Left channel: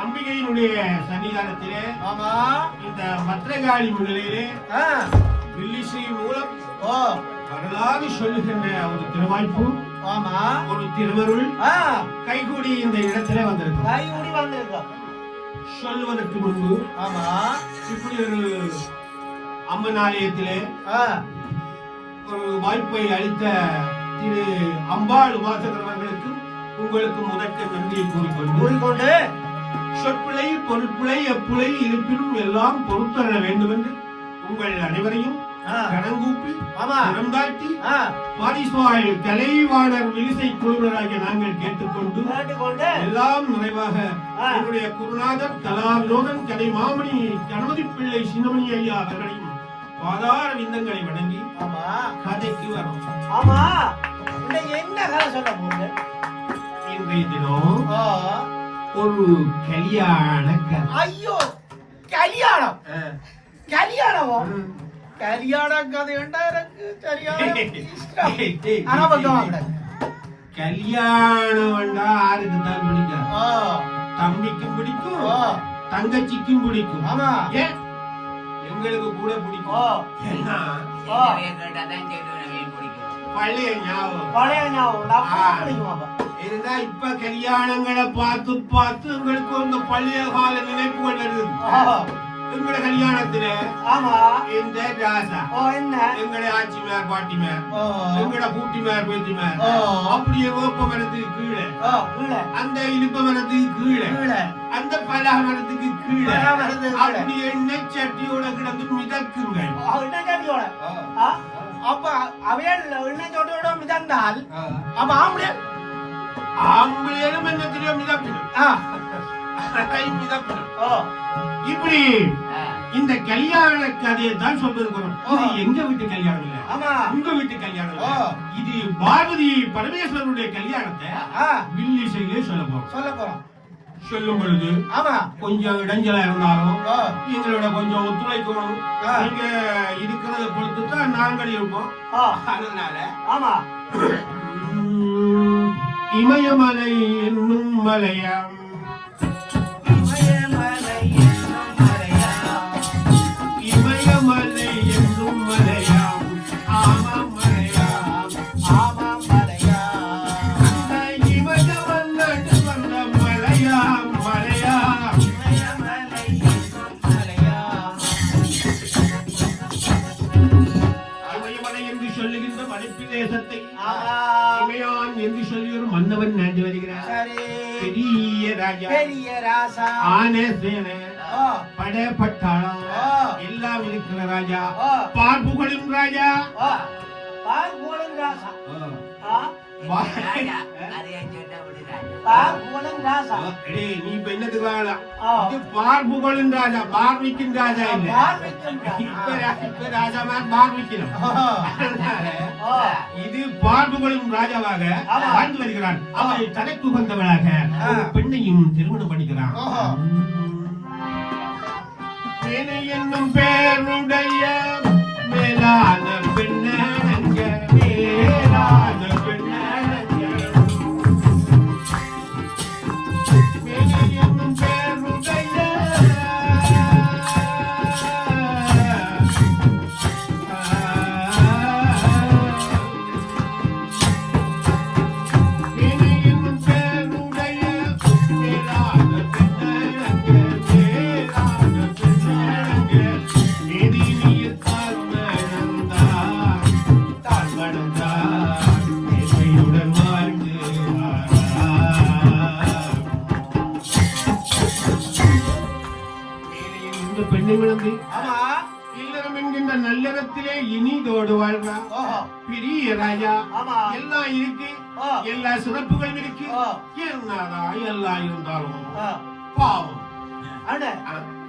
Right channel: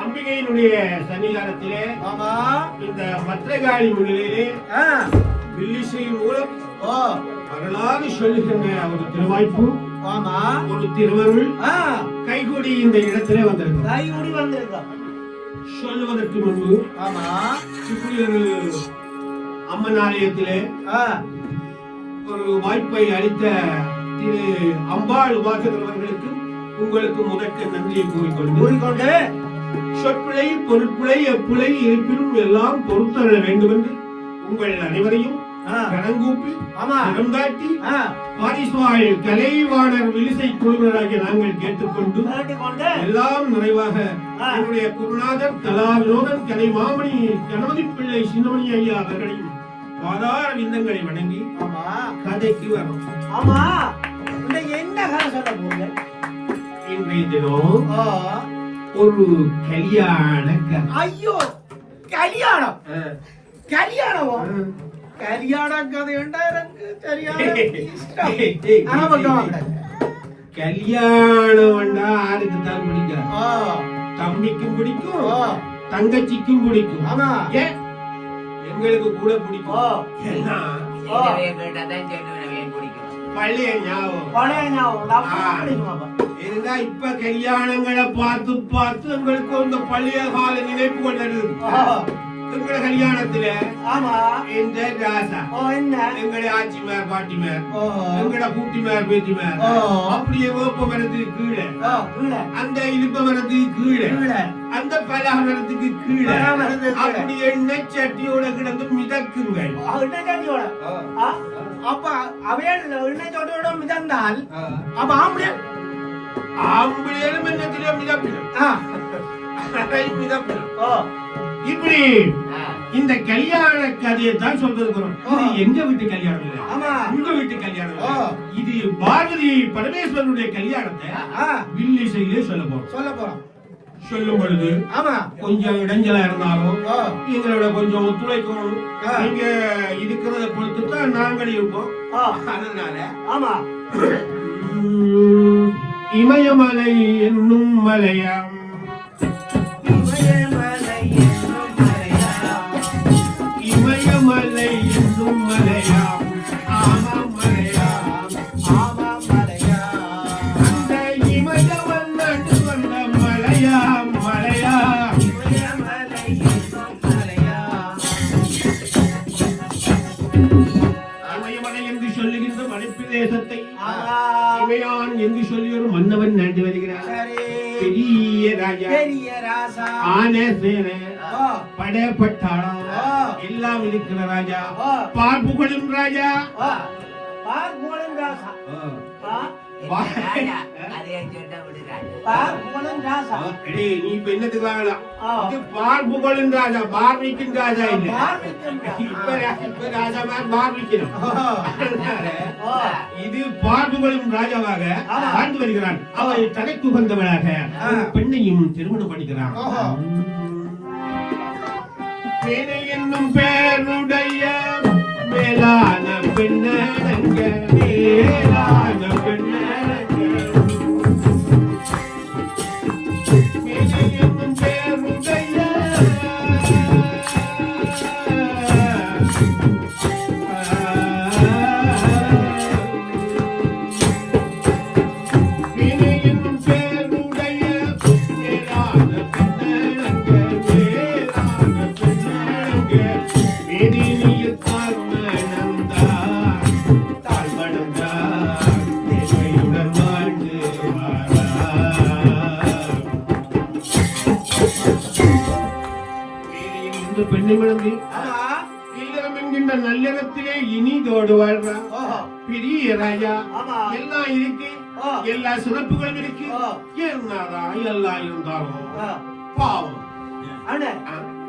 அம்பிகையினுடைய சன்னிதானத்திலே இந்த பத்திரகாளி முன்னிலையிலே வில்லிசை மூலம் வரலாறு சொல்லுகின்ற ஒரு திருவாய்ப்பு ஒரு திருவருள் கைகூடி இந்த இடத்திலே வந்திருக்கும். சொல்லுவதற்கு முன்பு இப்படி ஒரு அம்மன் ஆலயத்திலே ஒரு வாய்ப்பை அளித்த திரு அம்பாள் உபாசகர் அவர்களுக்கு உங்களுக்கு முதற்க நன்றியை கூறிக்கொண்டு சொற்பிழை பொருட்பிழை எப்பிழை இருப்பினும் எல்லாம் பொறுத்தர வேண்டும் என்று உங்கள் அனைவரையும் கடங்கூப்பி தாட்டி பாரிஸ்வாய் கலைவாணர் விலிசை குழுவினராகிய நாங்கள் கேட்டுக்கொண்டு எல்லாம் நிறைவாக என்னுடைய குருநாதர் கலா வினோதன் கலை மாமணி கணபதி பிள்ளை சின்னமணி ஐயா அவர்களையும் ஆதார விந்தங்களை வணங்கி கதைக்கு வரும். என்ன கதை சொல்ல போறீங்க? இன்றைய தினம் ஒரு கல்யாண கதை. ஐயோ, கல்யாணம் கல்யாணம் கல்யாண கதை கல்யாணம் ஆருக்கு தான் பிடிக்கும்? தம்பிக்கும் பிடிக்கும், தங்கச்சிக்கும் பிடிக்கும், எங்களுக்கு கூட பிடிக்கும். பழைய ஞாபகம் இருந்தா இப்ப கல்யாணங்களை பார்த்து பார்த்து எங்களுக்கு அந்த பழைய கால நினைப்புகள் வருது. எங்களோட கல்யாணத்துல இந்த ராசா எங்களுடைய ஆட்சிமார் பாட்டிமார் எங்களோட கூட்டிமார் பேத்திமார் அப்படியே வேப்ப மரத்துக்கு கீழே அந்த இனிப்ப மரத்துக்கு கீழே அந்த பலா மரத்துக்கு கீழே அப்படி எண்ணெய் சட்டியோட கிடந்து மிதக்குங்கள். அப்ப அவையில் எண்ணெய் சட்டியோட மிதந்தால் அப்ப ஆம்பளையிலும் எண்ணத்தில மிதப்பிடும். இப்படி இந்த கல்யாண கதையை தான் சொல்லிருக்கிறோம். இது எங்க வீட்டு கல்யாணம் இல்ல, உங்க வீட்டு கல்யாணம். இது பார்வதி பரமேஸ்வரனுடைய கல்யாணத்தை வில்லிசையிலே சொல்ல போறோம். சொல்லும் பொழுது கொஞ்சம் இடைஞ்சலா இருந்தாலும் எங்களோட கொஞ்சம் ஒத்துழைக்கணும். நீங்க இருக்கிறத பொறுத்து தான் நாங்கள் இருப்போம். அதனால இமயமலை என்னும் மலையாம் இமயமலை என்னும் மலையாம் ஆமாம் மலையாம் அந்த இமயவன் நட்டு வந்த மலையாம் மலையாம் இமயமலை என்னும் மலையாம். இமயமலை என்று சொல்லுகின்ற மலைப்பிரதேசத்தை இமயான் என்று சொல்லி ஒரு மன்னவன் நாட்டி வருகிறார். பெரிய ராஜா ஆனே சேனை படை பட்டாளம் எல்லாம் இருக்கிற ராஜா, பார்ப்புகளும் ராஜா. நீ இப்ப என்னத்துக்கு வாங்கலாம்? பார்ப்புகளின் ராஜா, பார்விக்கும் ராஜா இல்ல. இப்ப ராஜா மாதிரி பார்விக்கணும். இது பார்ப்புகளும் ராஜாவாக வாழ்ந்து வருகிறான். அவரை தலைக்கு வந்தவராக பெண்ணையும் திருமணம் பண்ணிக்கிறான். என்னும் பேருடைய மேலான பெண்ணடங்க மேலான பெண்ணடங்க பார்த்து பெண்ணை மணந்து ஆமா இல்லறம் என்கின்ற நல்லறத்திலே இனிதோடு வாழ்றான் பெரிய ராஜா எல்லாம் இருக்கு எல்லா சிறப்புகள் இருக்கு என்னதான் எல்லாம் இருந்தாலும் பாவம்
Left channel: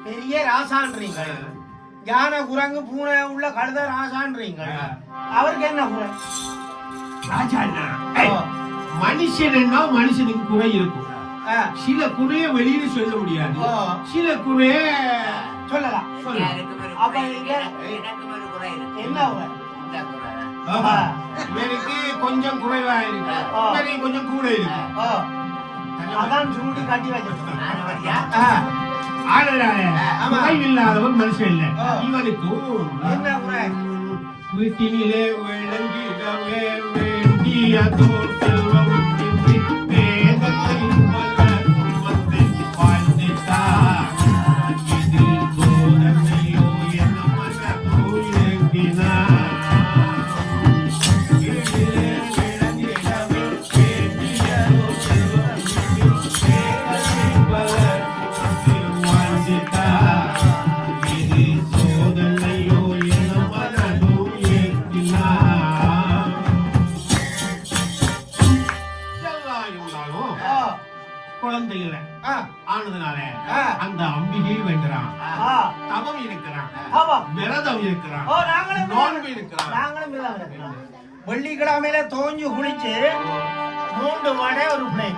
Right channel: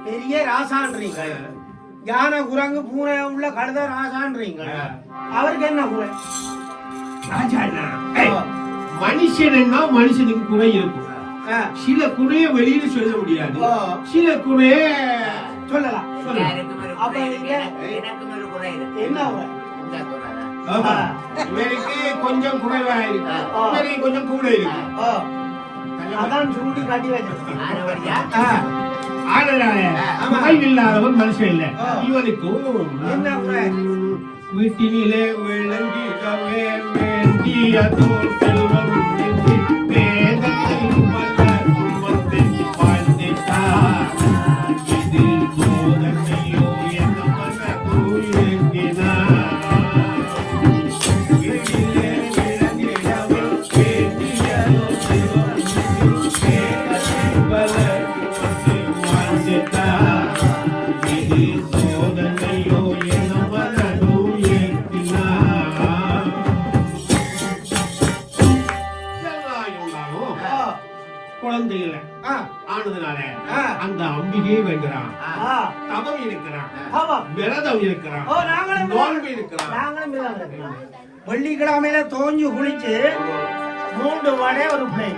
பெரிய ராசான்றீங்க யானை குரங்கு பூனை உள்ள கழுத ராசான்றீங்க அவருக்கு என்ன குறை ராஜா மனுஷன்னா மனுஷனுக்கு குறை இருக்கும் சில குறைய வெளியில சொல்ல முடியாது சில குறைய சொல்லலாம் எனக்கு கொஞ்சம் குறைவா இருக்கு கொஞ்சம் கூட இருக்கு அதான் சுருட்டி காட்டி வச்சிருக்கேன் இல்லாதவன் மனுஷன் இல்ல இவனுக்கும் வீட்டிலே விளங்கிடவே வேண்டிய தோற்றம் குழந்தை இல்ல ஆனதுனால அந்த அம்பிகையே வேண்டுறான் தவம் இருக்கிறான் விரதம் இருக்கிறான் நோன்பு இருக்கிறான் வெள்ளிக்கிழமையில தோஞ்சு குளிச்சு 3 வடை ஒரு பிளை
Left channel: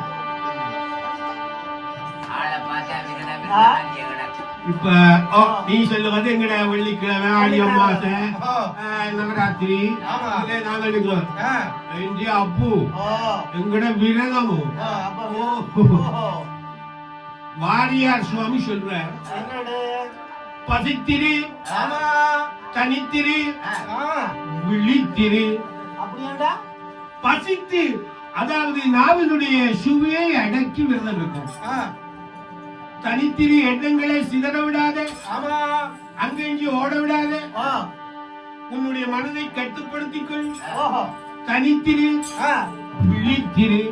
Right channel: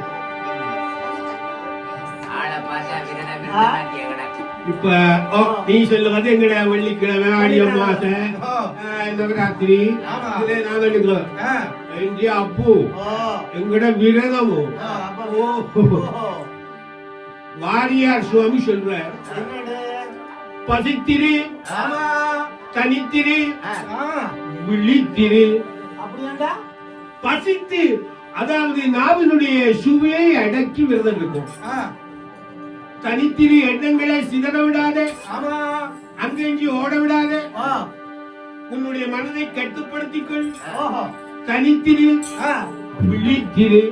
இப்ப நீ சொல்லுவது எங்கட வெள்ளிக்கிழமை ஆடி அமாவாசை நவராத்திரி நாங்க எடுக்கிறோம் அப்பு எங்கட விரதமும் வாரியார் சுவாமி சொல்றார் பசித்திரு தனித்திரு விழித்திரு பசித்து அதாவது நாவினுடைய சுவையை அடக்கி விரதம் இருக்கும் தனித்திரு எண்ணங்களை சிதற விடாத அங்கெஞ்சி ஓட விடாத உன்னுடைய மனதை கட்டுப்படுத்திக் கொள் தனித்திரு விழித்திரு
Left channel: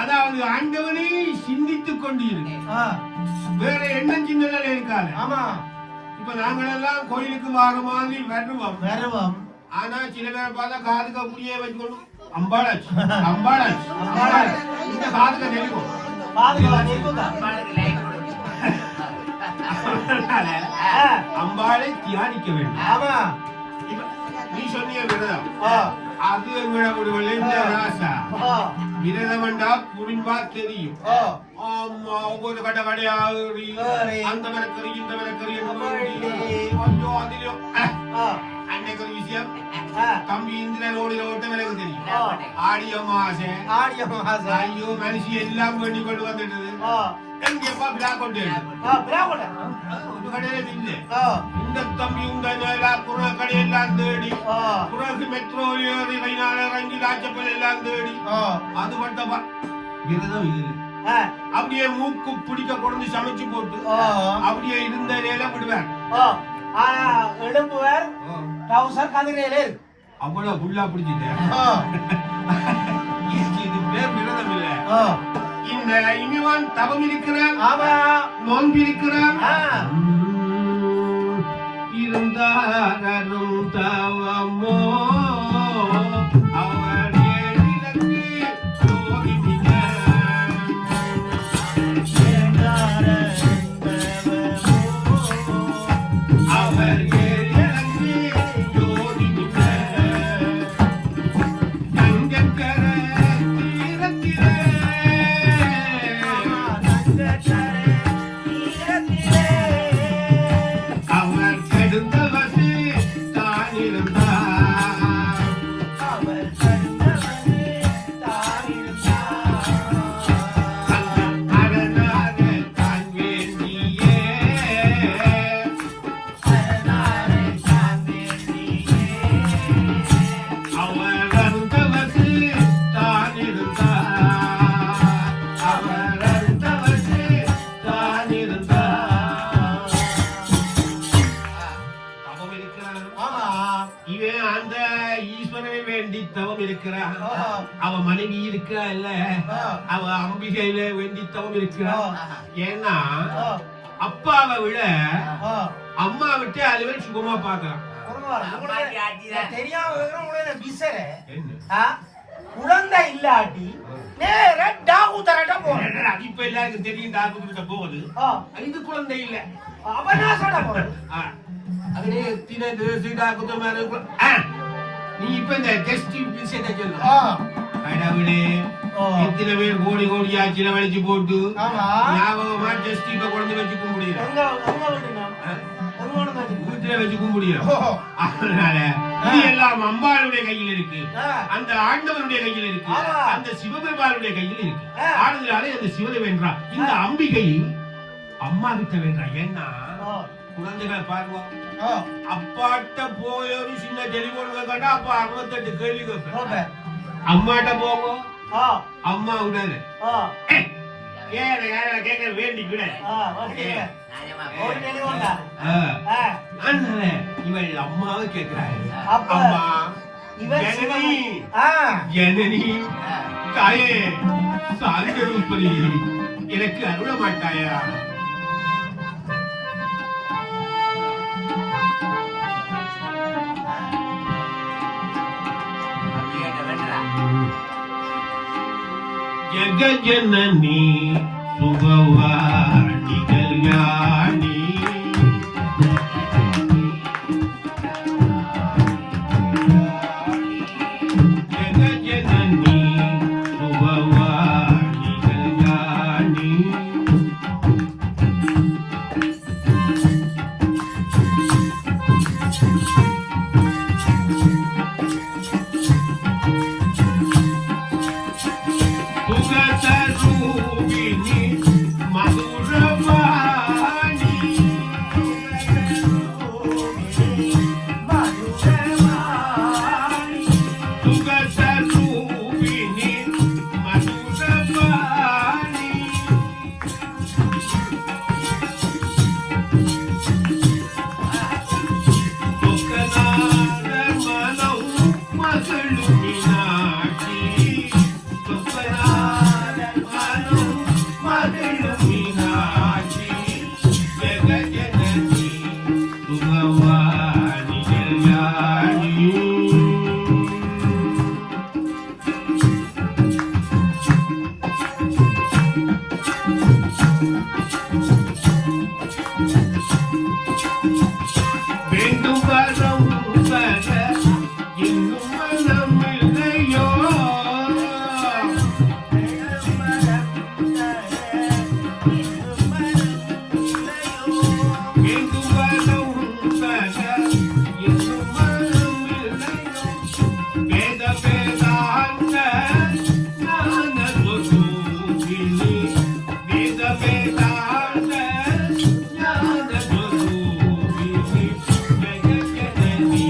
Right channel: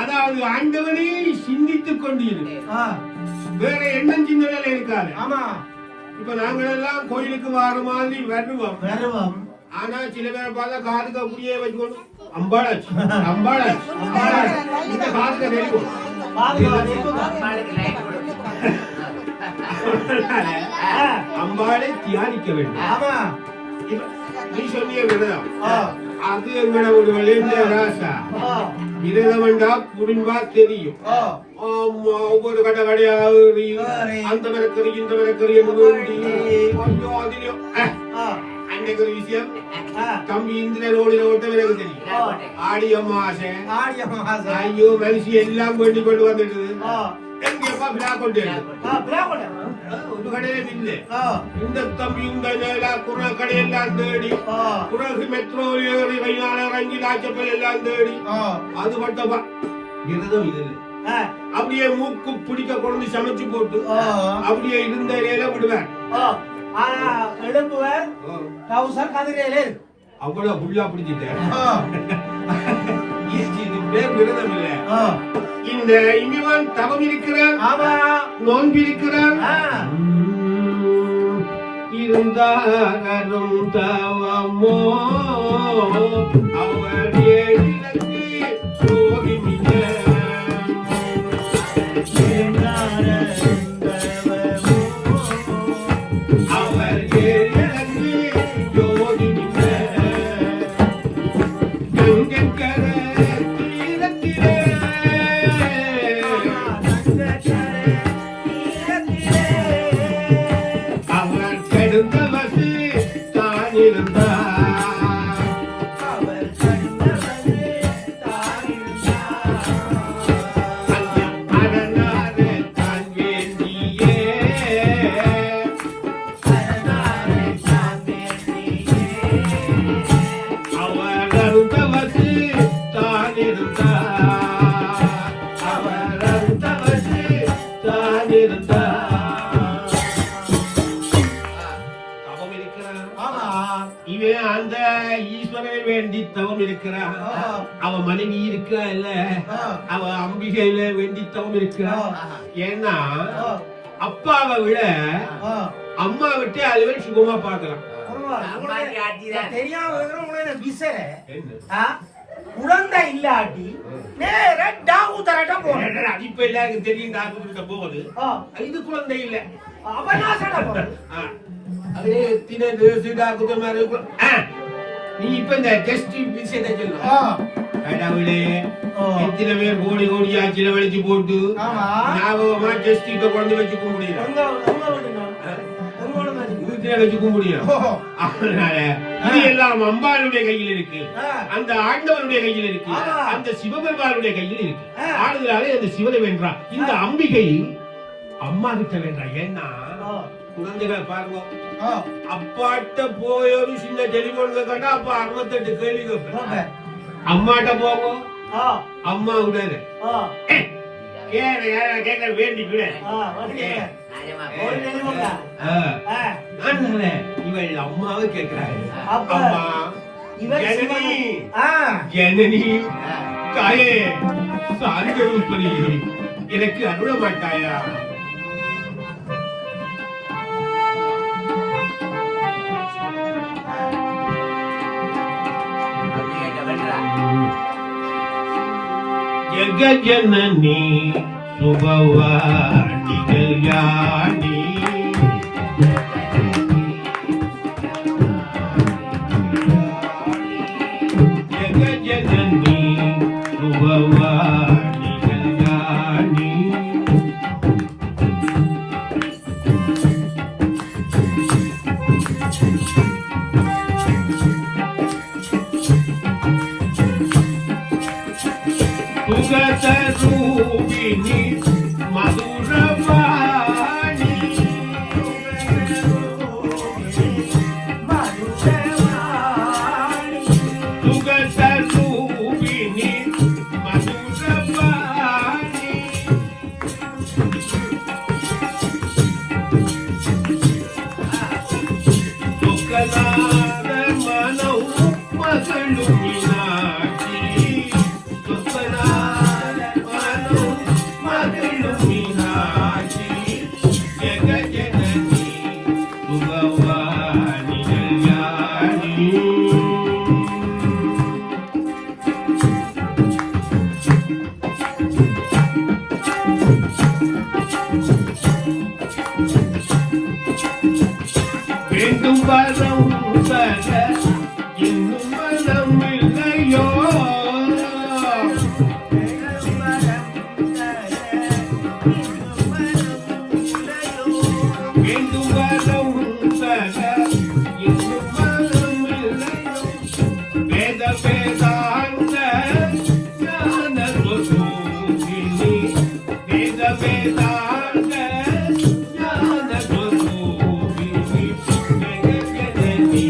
அதாவது ஆண்டவனை சிந்தித்துக் கொண்டிரு வேற எண்ணம் சிந்தனை இருக்காது இப்ப நாங்கள் எல்லாம் கோயிலுக்கு வர மாதிரி வருவோம் ஆனா சில பேர் பார்த்தா காதுக்கு அப்படியே வச்சுக்கணும் அம்பாளாச்சு அம்பாளாச்சு இந்த காதுக்கு தெரியும் அம்பாளை தியானிக்க வேண்டும் நீ சொன்னிய விரதம் அது எங்களை ஒரு ராசா விரதம் வேண்டா புரிஞ்சா தெரியும் ஒவ்வொரு கடை கடையாவது அந்த விளக்கறி இந்த விளக்கறி கொஞ்சம் அதிலும் அன்னைக்கு ஒரு விஷயம் தம்பி இந்திரனோடு ஓட்ட விலகு தெரியும் ஆடி அமாவாசை ஐயோ மனுஷி எல்லாம் வேண்டி கொண்டு வந்துடுது எங்கப்பா விழா கொண்டு ஒரு கடையில இல்லை இந்த தம்பி இந்த குற கடையெல்லாம் தேடி குறகு மெட்ரோ ஏறி கையாள ரங்கி லாச்சப்பல் எல்லாம் தேடி அது மட்டும் விரதம் இது அப்படியே மூக்கு பிடிக்க கொண்டு சமைச்சு போட்டு அப்படியே இருந்த இலையில விடுவேன் அவ்வளவு புல்லா பிடிச்சிட்டேன் விரதம் இல்ல இந்த இனிவன் தவம் இருக்கிறான் நோன்பு இருக்கிறான் இருந்தாரும் தவமோ அவர் அவ மனைவி இருக்கா இல்ல அவ அம்பிகையில வேண்டித்தவம் இருக்கிறா ஏன்னா அப்பாவை விட அம்மா விட்டு அலுவல் சுகமா பார்க்கலாம். குழந்தை இல்லாட்டி நேரா டாக்டர்ட்ட போறேன். இப்ப எல்லாருக்கும் தெரியும் டாக்டர்கிட்ட போகுது. இது குழந்தை இல்ல. நீ இப்ப இந்த டெஸ்ட் விஷயத்தை சொல்லு. கடவுளே எத்தனை பேர் கோடி கோடியா செலவழிச்சு போட்டு ஞாபகமா டெஸ்ட் இப்ப குழந்தை வச்சுக்க முடியல, வீட்டுல வச்சுக்க முடியும். அதனால இது எல்லாம் அம்பாளுடைய கையில் இருக்கு, அந்த ஆண்டவனுடைய கையில் இருக்கு, அந்த சிவபெருமானுடைய கையில் இருக்கு. ஆடுதலாலே அந்த சிவனை வென்றான். இந்த அம்பிகை அம்மா கிட்ட வென்றான். ஏன்னா குழந்தைகளை பாருங்க, அப்பாட்ட போய் ஒரு சின்ன டெலிபோன் கேட்டா அப்பா 68 கேள்வி கேட்பேன். அம்மாட்ட போவோம், அம்மா விடாது கேட்க வேண்டி விட. இவள் அம்மாவை கேட்கிறாரு, அம்மா ஜனனி தாயே சாரிகருப்பதி எனக்கு அருள மாட்டாயா? ஜகஜனனி சுபவாணி கல்யாணி ஜகஜனனி சுபவாணி கல்யாணி சுகதரூபிணி மதுரவாணி சுகதரூபிணி மதுரவாணி சுகலார மனோ மகளு மீனாட்சி வேண்டும் வரம் பெற இன்னும் மனம் இல்லையோ? வேண்டும் வரம் பெற இன்னும் மனம் இல்லையோ? வேத வேதாந்த ஞான ஸ்வரூபிணி, வேத வேதாந்த ஞான ஸ்வரூபிணி, ஜகஜனனி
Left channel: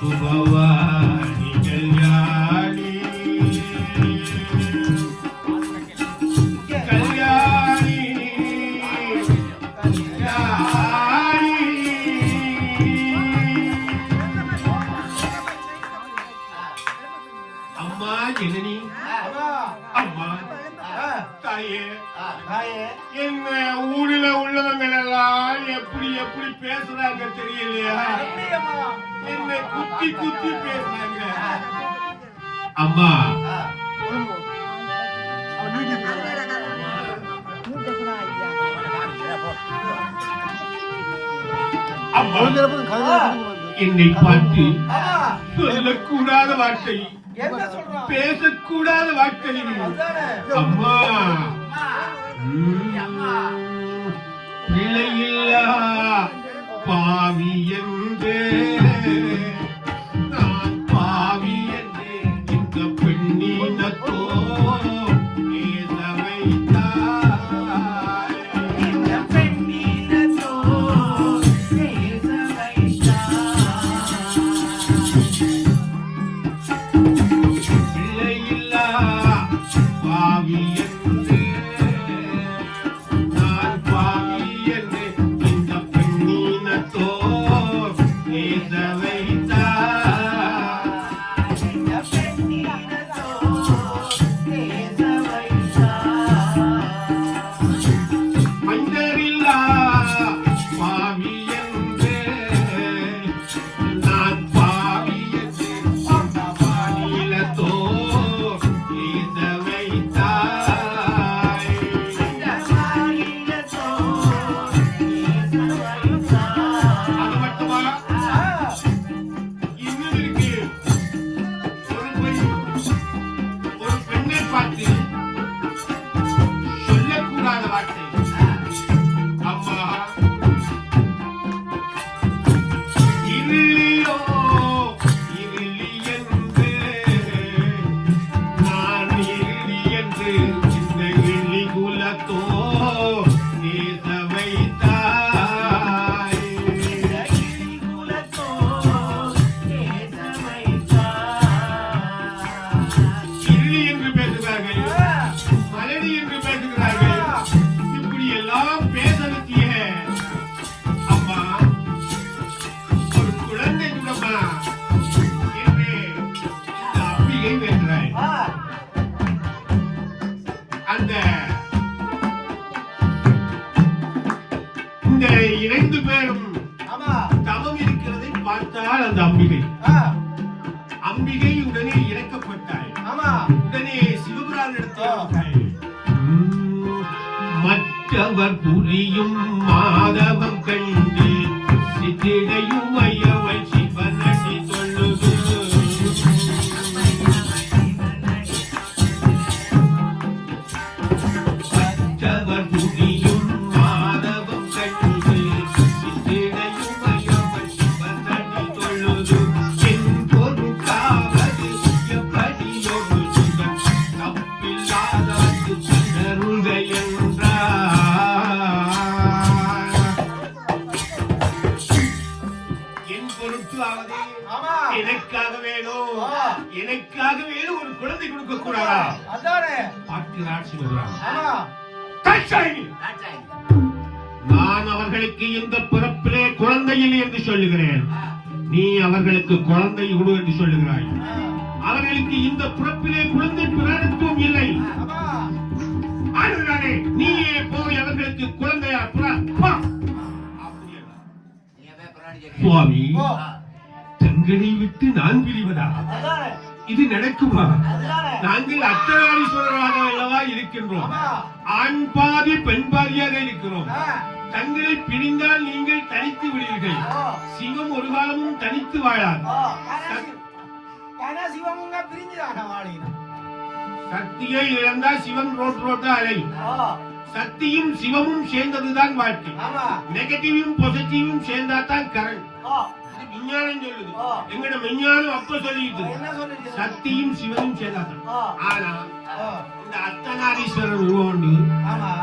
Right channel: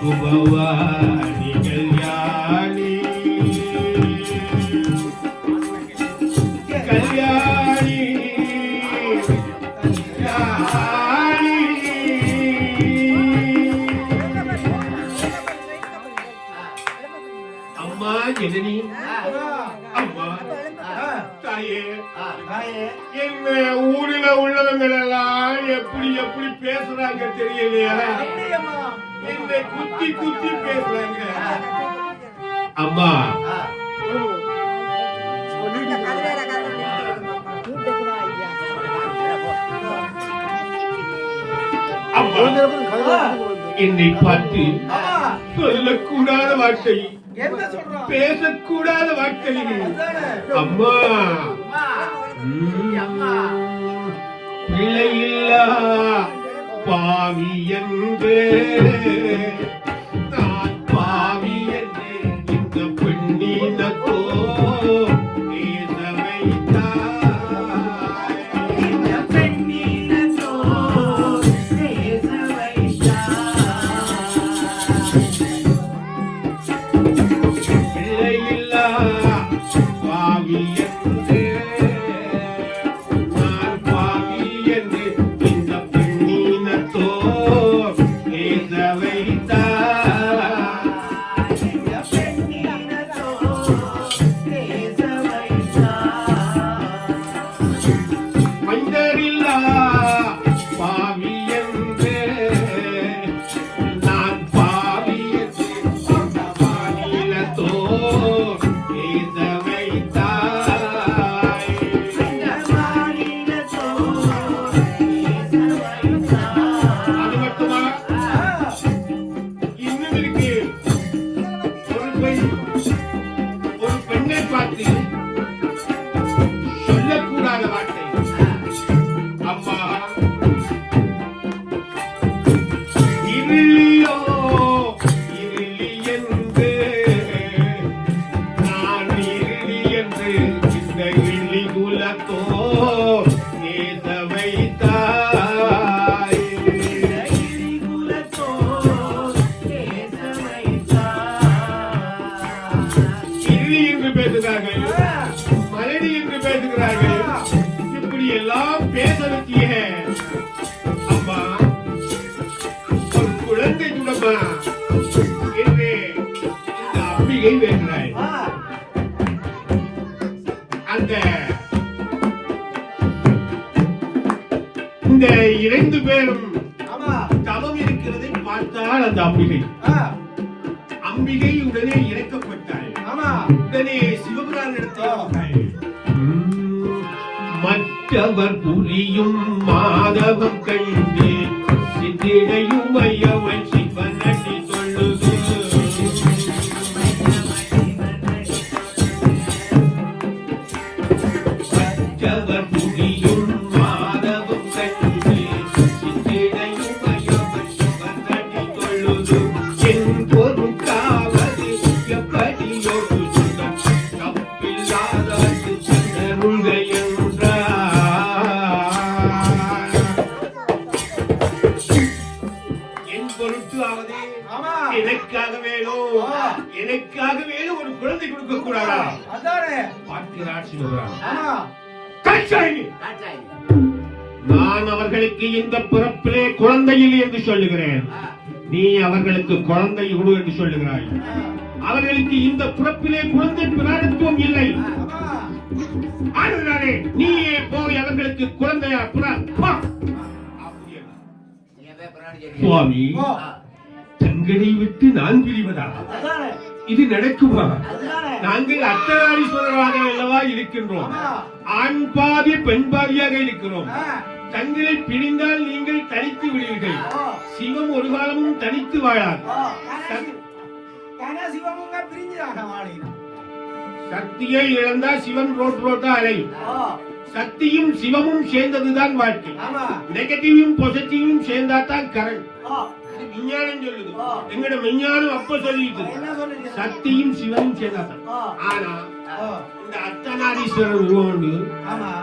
சுபவாணி கல்யாணி கல்யாணி அம்மா ஜனனி, அம்மா தாயே, எங்க ஊர்ல உள்ளவங்க எல்லாம் எப்படி எப்படி பேசுறாங்க தெரியலையா? என்னை குத்தி குத்தி பேசுறாங்க. அம்மா அம்மா என்னை பார்த்து சொல்லக்கூடாத வார்த்தை, பேசக்கூடாத வார்த்தை. அம்மா பிள்ளையில்லா பாவி என்று நான் பாவி என்று இந்த பெண்ணினத்தோ பேச வைத்தாய். இந்த பெண்ணினத்தோ பேச வைத்தாய். பிள்ளையில்லா பாவி என்று நான் பாவி என்று இந்த பெண்ணினத்தோ பேச வைத்தாய். பேச வச்சிய அம்மா ஒரு குழந்தை குடமா என்று இந்த அம்பிகை வேண்டாய். அந்த இந்த 2 பேரும் தவம் இருக்கிறதை பார்த்தால் அந்த அம்பிகை உடனே இறக்கப்பட்டாள். உடனே சிவபுரான் எடுத்தாள். மற்றவர் புரியும் மாதவம் கண்டு சித்திடையும் ஐயவன் சிவன் அடி சொல்லுது. மற்றவர் புரியும் மாதவம் கண்டு சித்திடையும் ஐயவன் சிவன் அடி சொல்லுது. என் பொருட்காவது எப்படியோடு சிவன் தப்பில்லாதாட்டு சிதறுங்கள் எனக்காக வேணும் ஒரு குழந்தை கொடுக்க கூடாதா? நான் அவர்களுக்கு இந்த பிறப்பிலே குழந்தை இல்லை என்று சொல்லுகிறேன். நீ அவர்களுக்கு குழந்தை கொடு என்று சொல்லுகிறாய். அவர்களுக்கு இந்த பிறப்பிலே குழந்தை பிராணத்துவம் இல்லை. அதனாலே நீயே போய் அவர்களுக்கு குழந்தையா சுவாமி, தங்களை விட்டு நான் பிரிவதா? இது நடக்குமா? நாங்கள் அர்த்தநாரீஸ்வரராக அல்லவா இருக்கின்றோம். ஆண் பாதி பெண் பாதியாக இருக்கிறோம். தங்களை பிரிந்தால் நீங்கள் தனித்து விடுவீர்கள். சிவம் ஒரு காலமும் தனித்து வாழாது. சக்தியை இழந்தால் சிவம் ரோட்டா அலை. சக்தியும் சிவமும் சேர்ந்ததுதான் வாழ்க்கை. நெகட்டிவும் பாசிட்டிவும் சேர்ந்தாதான் கரண்ட். விஞ்ஞானம் சொல்லுது. எங்கட விஞ்ஞானம் அப்ப சொல்லிட்டு சக்தியும் சிவமும் சேர்ந்தாதான். ஆனா இந்த அர்த்தநாரீஸ்வரர் உருவாண்டு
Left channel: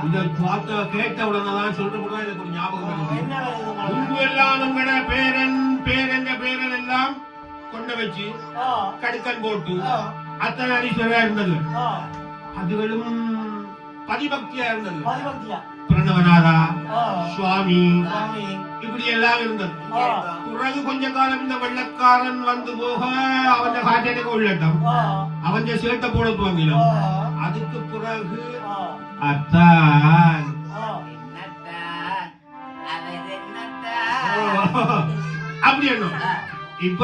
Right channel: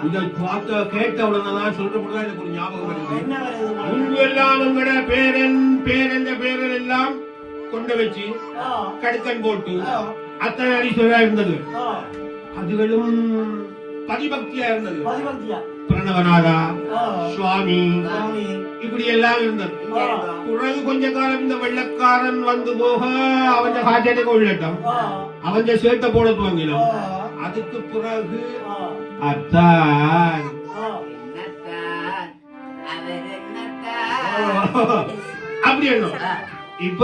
இதை பார்த்த கேட்ட உடனேதான் சொல்றப்பதான் எனக்கு ஒரு ஞாபகம் வருது. முன்பு எல்லாம் எங்கட பேரன் எல்லாம் கொண்டு வச்சு கடுக்கன் போட்டு அர்த்தநாரீஸ்வரரா இருந்தது. அதுகளும் பதிபக்தியா இருந்தது. பிரணவநாதா, சுவாமி இப்படி எல்லாம் இருந்தது. பிறகு கொஞ்ச காலம் இந்த வெள்ளக்காரன் வந்து போக அவன் காய்ச்சலுக்கு உள்ளட்டம், அவன் சேட்டை போட துவங்கினோம். அதுக்கு பிறகு அத்தான் அப்படி என்ன இப்ப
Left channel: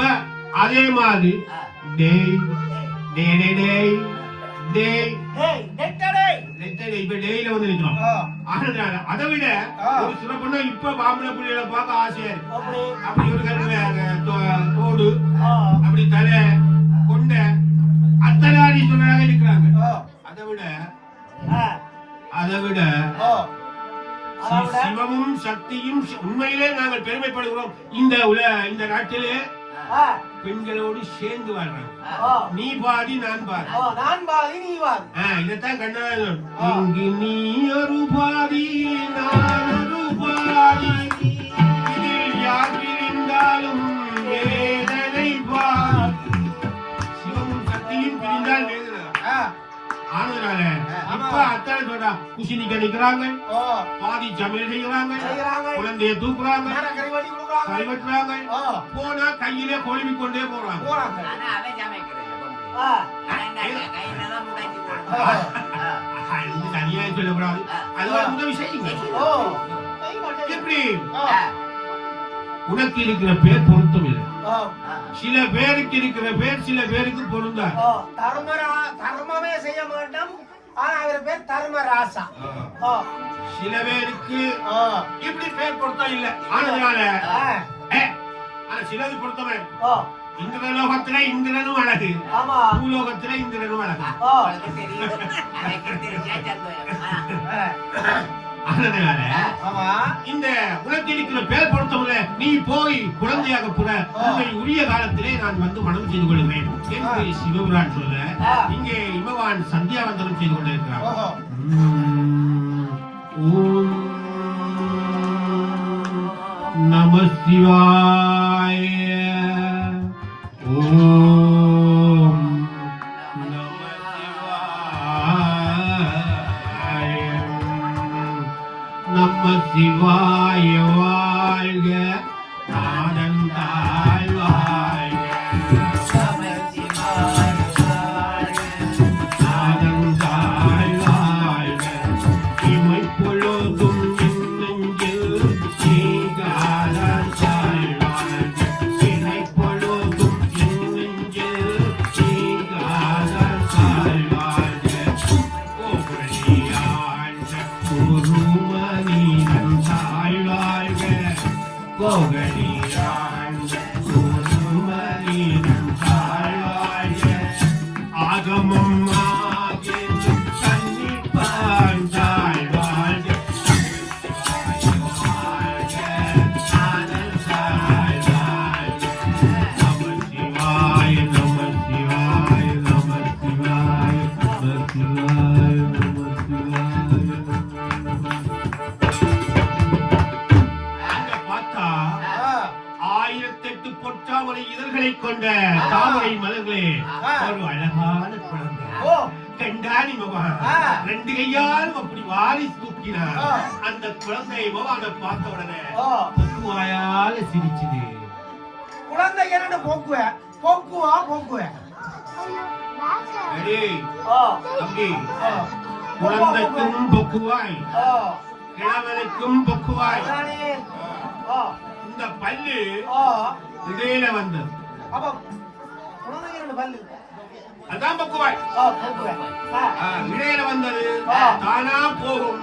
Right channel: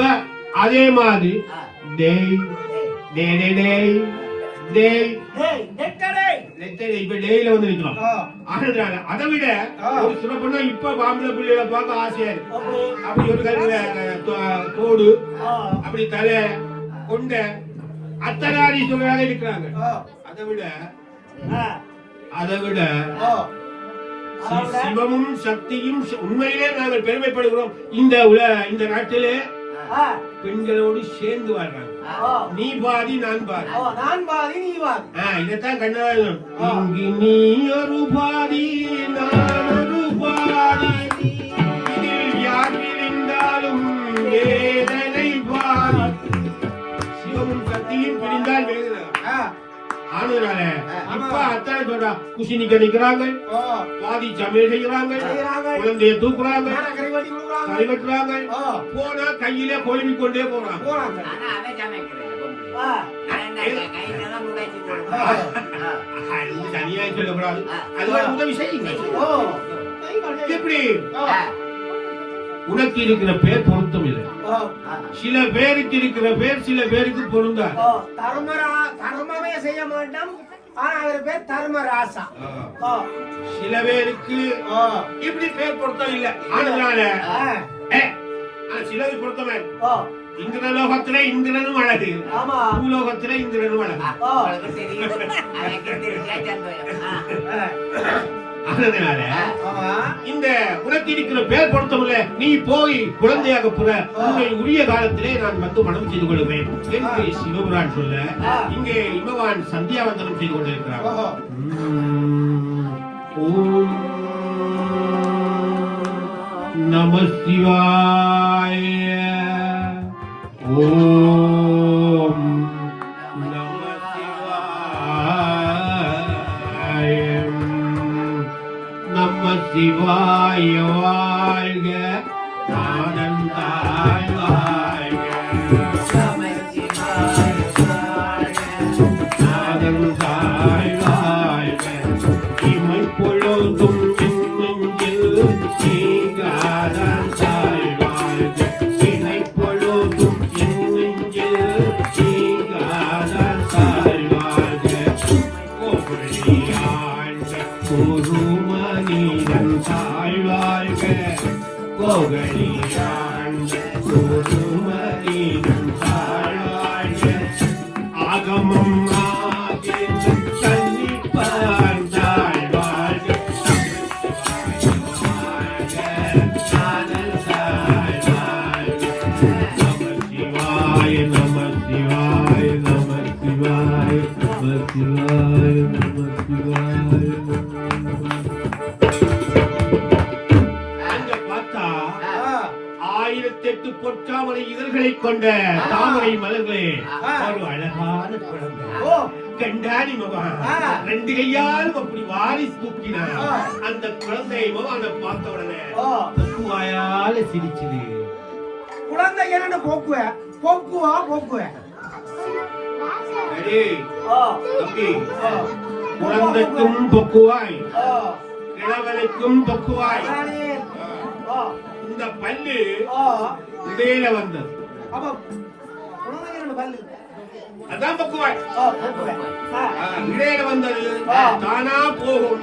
அதே மாதிரி டேய் டேய் டேய் டேய் இப்ப டெய்ல வந்து நிற்கிறோம். அதை விட ஒரு சிறப்புனா இப்ப பாம்பளை புள்ளியோட பார்க்க ஆசையா இருக்கு. அப்படி ஒரு தோடு அப்படி தலை கொண்ட அர்த்தநாரீஸ்வரராக இருக்கிறாங்க. அதை விட சிவமும் சக்தியும் உண்மையிலே நாங்கள் பெருமைப்படுகிறோம். இந்த நாட்டிலே பெண்களோடு சேர்ந்து வாழ்றாங்க. நீ பாதி நான் பாதி, நான் பாதி நீ பாதி. இதத்தான் கண்ணதாசன் இங்கு நீ ஒரு பாதி நான் ஒரு பாதி, யார் பிரிந்தாலும் வேதனை பாதி. சிவமும் சக்தியும் பிரிந்தால் வேதனை. ஆனதுனால இப்ப அத்தான் சொல்றா, குசினிக்க நிக்கிறாங்க, பாதி சமையல் செய்யறாங்க, குழந்தைய தூக்குறாங்க, கைவட்டுறாங்க, போனா கையில கொழுவி கொண்டே போறாங்க. தனியா சொல்லக்கூடாது, அது உதவி செய்யுங்க. எப்படி உனக்கு இருக்கிற பேர் பொருத்தம் இல்லை. சில பேருக்கு இருக்கிற பேர் சில பேருக்கு பொருந்தாது. தர்மமே செய்ய மாட்டோம், அவர் பேர் தர்மராசா. சில பேருக்கு இப்படி பேர் பொருத்தம் இல்ல. அதனால சிலது பொருத்தமா இந்திரலோகத்தில இந்திரனும் அழகு, பூலோகத்தில இந்திரனும் அழகு. அதனால இந்த உனக்கு இருக்கிற பேர் பொருத்தமில்ல, நீ போய் குழந்தையாக புற உன்னை உரிய காலத்திலே நான் வந்து மனம் செய்து கொள்வேன் என்று சிவபுரான் சொல்ல, இங்கே இமவான் சந்தியாவந்தனம் செய்து கொண்டிருக்கிறார். ஓம் நம சிவாய. ஓம் நம சிவாய வாழ்க நாதன் தாய் வாழ்க நாதன் தாய் வாழ்க இமை பொழுதும் என் நெஞ்சில் நீங்காதான் தாய் வாழ்க இமை பொழுதும் என் நெஞ்சில் நீங்காதான் தாய் வாழ்க கோபுரியாழ்க குருமணிதன் தாய் வாழ்க கோபுரியாழ்க குருமணிதன் தாய் வாழ்க ஆகமம் ஆகி கன்னிப்பான் தாய் வாழ்க காதல் தாய் வாழ்க நம சிவாய நம சிவாய நம சிவாய நம சிவாய நம சிவாய அங்க பார்த்தா 1008 பொற்றாமரை இதழ்களை கொண்ட தாமரை மலர்களே ஒரு அழகான குழந்தை கண்டாணி மாமா 2 கையாலும் அப்படி வாரி தூக்கினார் அந்த குழந்தையை மாமான பார்த்த உடனே வாயால சிரிச்சுது குழந்தை என்ன போக்குவ அடே தம்பி குழந்தைக்கும் பொக்குவாய் கிழவனுக்கும் பொக்குவாய் இந்த பல்லு இடையில வந்தது அதான் பொக்குவாய் இடையில வந்தது தானா போகும்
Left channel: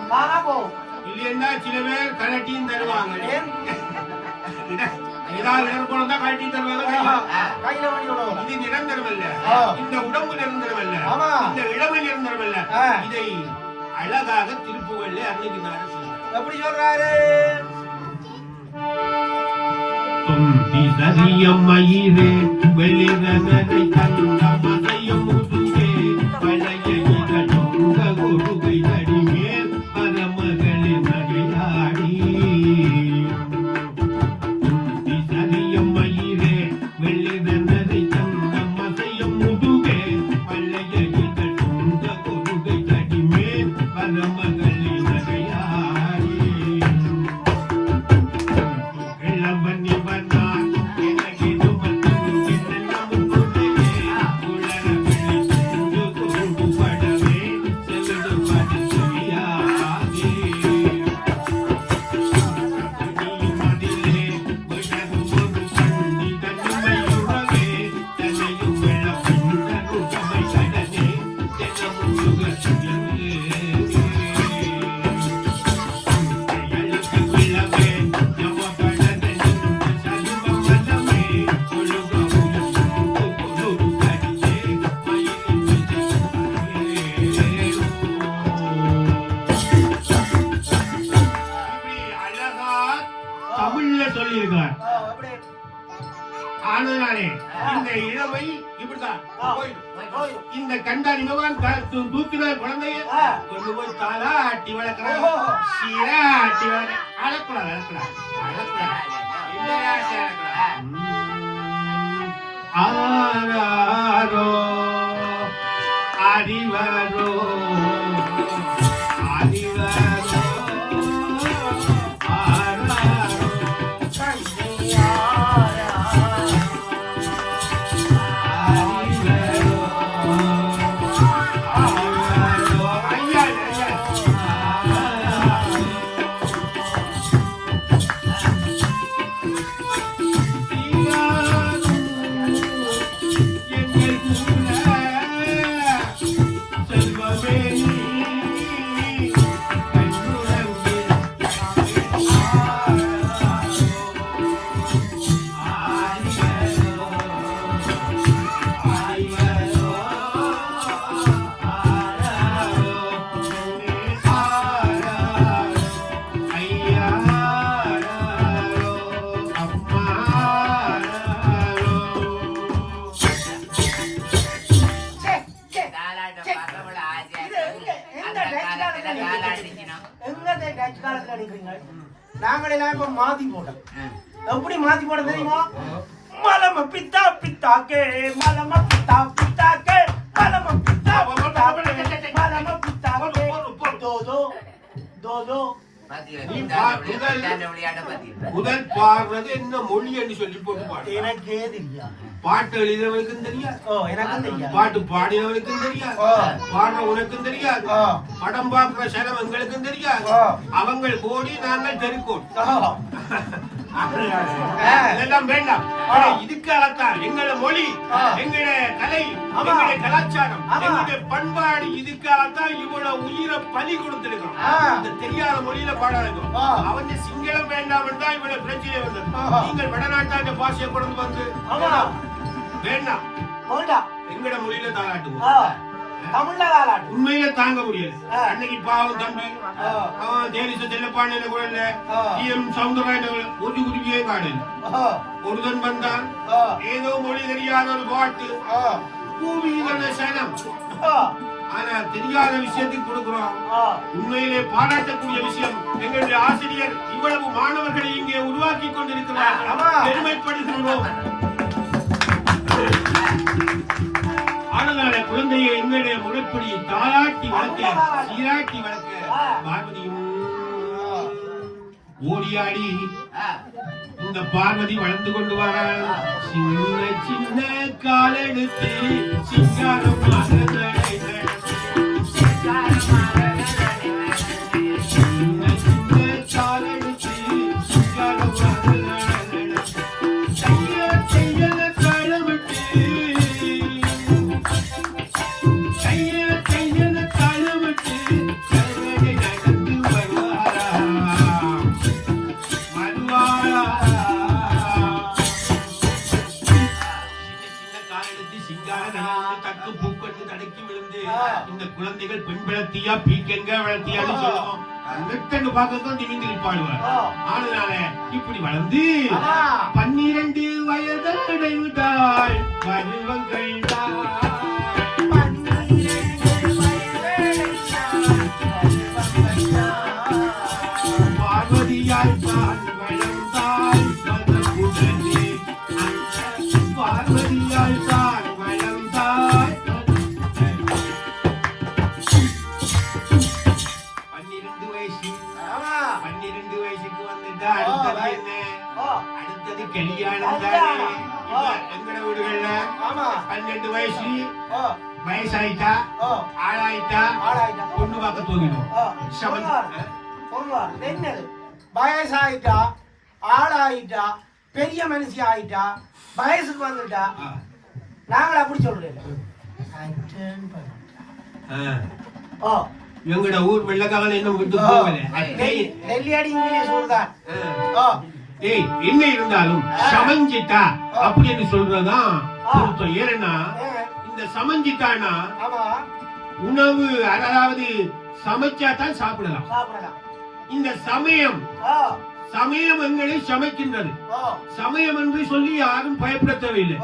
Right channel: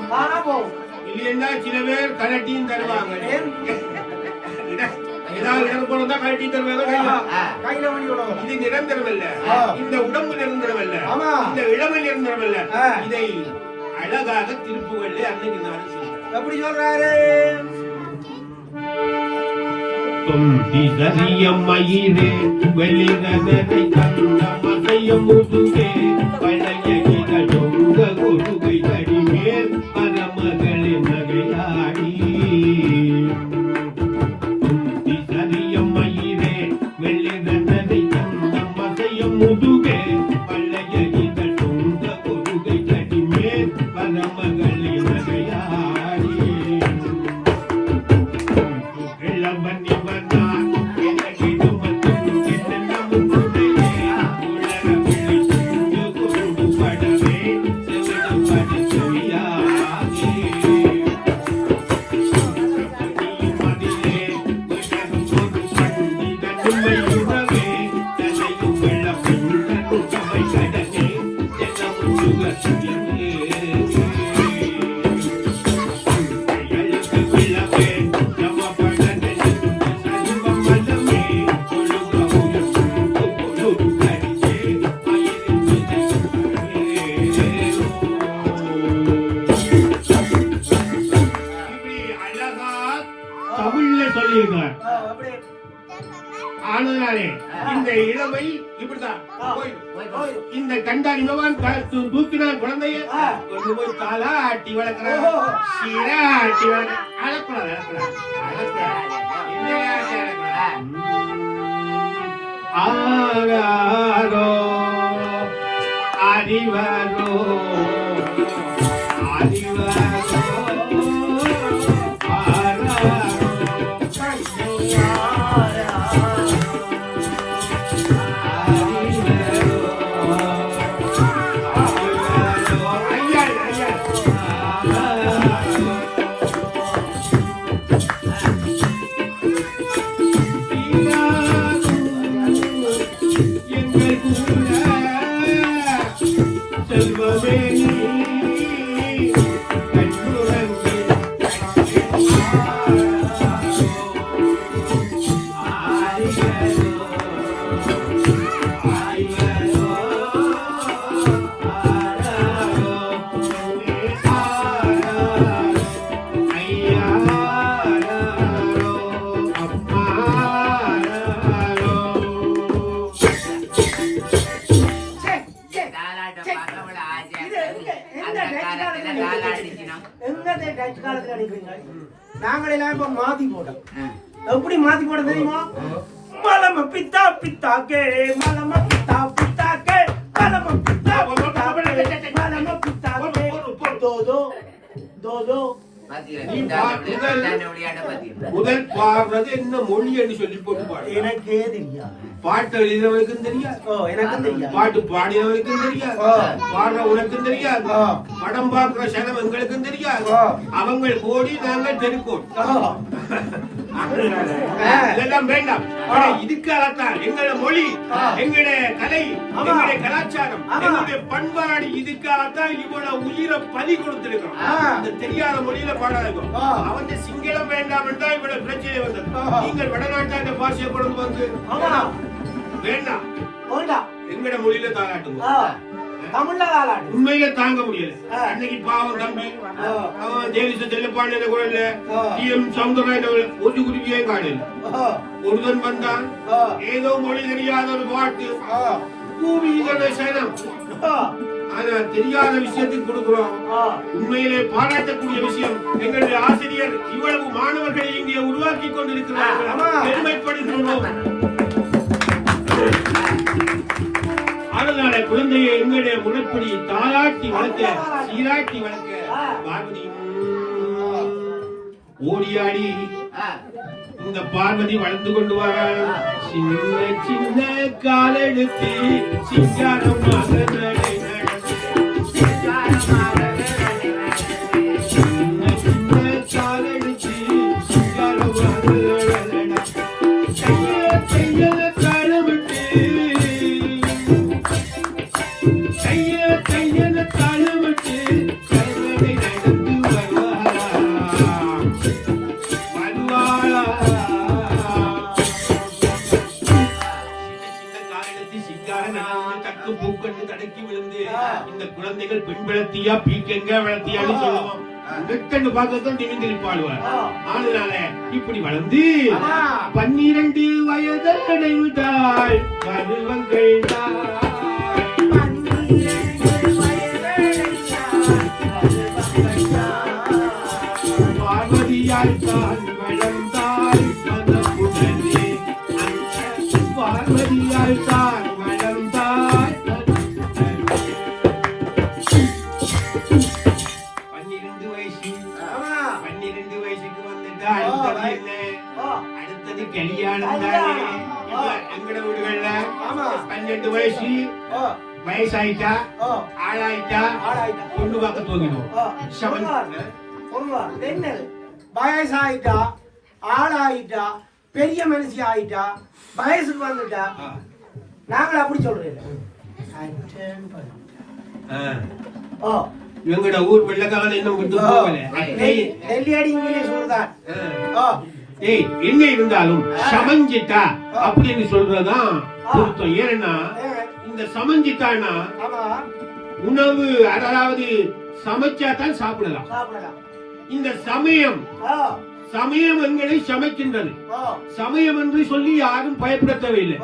இல்லைன்னா சில பேர் கலட்டியும் தருவாங்க ஏதாவது நிரப்பம் வந்தா கலட்டி தருவாங்க இது நிரந்தரம் அல்ல இந்த உடம்பு நிரந்தரம் அல்ல இந்த இளமை நிரந்தரம் அல்ல இதை அழகாக திருப்புவள்ளி அன்னைக்கு நான் எப்படி சொல்றாரு மயிரே வெளிரதனை கண்ட மதையம் முதுகே பழைய இகழொங்க குருகை தடிமேல் பரமகளே நகையாடி மயிரே வெளிரதனை கண்ட மதையம் முதுகே பழைய இகழொங்க குருகை தடிமேல் பரமகளே நகையாடி ஆனாலே இந்த இளமை இப்படிதான் இந்த கண்டாடி பகவான் தூக்கினான் குழந்தைய கொஞ்சம் போய் தாளா ஆட்டி வளர்க்கிறான் ஆட்டி அழக்கூடாது ஆராரோ அறிவாரோ நாங்கள் எல்லாரும் மாத்தி போட்டோம். எப்படி மாத்தி போட தெரியுமா? மலம பித்தா பித்தாக்கே மலம பித்தா பித்தாக்கே மலம பித்தா பித்தாக்கே மலம பித்தாக்கே தோதோ தோதோ முதல் பாடுறது என்ன மொழி என்று சொல்லி போட்டு பாடு. எனக்கே தெரியாது. பாட்டு எழுதினவனுக்கும் தெரியாது, பாட்டு பாடினவனுக்கும் தெரியாது, பாடுற உனக்கும் தெரியாது, படம் பார்க்கிற சனம் எங்களுக்கும் தெரியாது. அவங்க கோடி நாங்கள் தெருக்கோடி. இதெல்லாம் வேண்டாம். இதுக்காகத்தான் எங்களோட மொழி, எங்களுடைய கலை, எங்களுடைய கலாச்சாரம், எங்களுடைய பண்பாடு, இதுக்காகத்தான் இவ்வளவு உயிரை பலி கொடுத்திருக்கிறோம். இந்த தெரியாத மொழியில பாடாதோ. அவங்க சிங்களம் வேண்டாம் என்றா இவ்வளவு பிரச்சனை வந்தது. நீங்கள் வடநாட்டாண்ட பாஷையை கொண்டு வந்து வேண்டாம் எங்கட மொழியில தாராட்டுவோம். உண்மையில தாங்க முடியல. அன்னைக்கு பாவம் தம்பி தேனிச செல்லப்பாண்டியில கோயில டிஎம் சவுந்தரராஜன் ஒரு குருவியே காடல் ஒருதன் வந்தான். ஏதோ மொழி தெரியாத ஒரு பாட்டு பூமியில சனம். ஆனா தெரியாத விஷயத்துக்கு கொடுக்கிறோம். உண்மையிலே பாராட்டக்கூடிய விஷயம். எங்களுடைய ஆசிரியர் இவ்வளவு மாணவர்களை இங்கே உருவாக்கி கொண்டிருக்கிறார்கள். பெருமைப்படுத்துகிறோம். அதனால குழந்தையை எங்களுடைய முறைப்படி தாளாட்டி வளர்க்க, சீராட்டி வளர்க்க பார்வதியும் ஓடியாடி இந்த பார்வதி வளர்ந்து கொண்டு வர சின்ன சின்ன காலெடுத்து சிங்காரமாக இந்த குழந்தைகள் பெண் வளர்த்தியா பீக்கெங்க வளர்த்தியான்னு சொல்லுவோம். வெட்டன்னு பார்க்கத்தான் திமிந்திரி பாடுவார். அதனால இப்படி வளர்ந்து 12 வயது அடைந்தாள் பருவங்கள் பார்வதியால் தான் வளர்ந்தாள் பார்வதியால் தான் வளர்ந்தாள். 12 வயசுக்கு வந்துட்டா அடுத்தது கல்யாணம் தானே. எங்கட வீடுகள்ல 12 வயசு வயசாயிட்டா ஆளாயிட்டா பொண்ணு பார்க்க தோங்கிடும். வயசாயிட்டா ஆளாயிட்டா பெரிய மனுஷி ஆயிட்டா வயசுக்கு வந்துட்டா நாங்கள் அப்படி சொல்றேன். எங்கட ஊர் வெள்ளக்காரன் இன்னும் விட்டு போகல. என்ன இருந்தாலும் சமஞ்சிட்டா அப்படின்னு சொல்றதுதான் பொருத்தம். ஏன்னா இந்த சமஞ்சிட்டானா உணவு, அதாவது சமைச்சாதான் சாப்பிடலாம். இந்த சமயம் சமயம் எங்களை சமைக்கின்றது. சமயம் என்று சொல்லி யாரும் பயப்பட தேவையில்லை.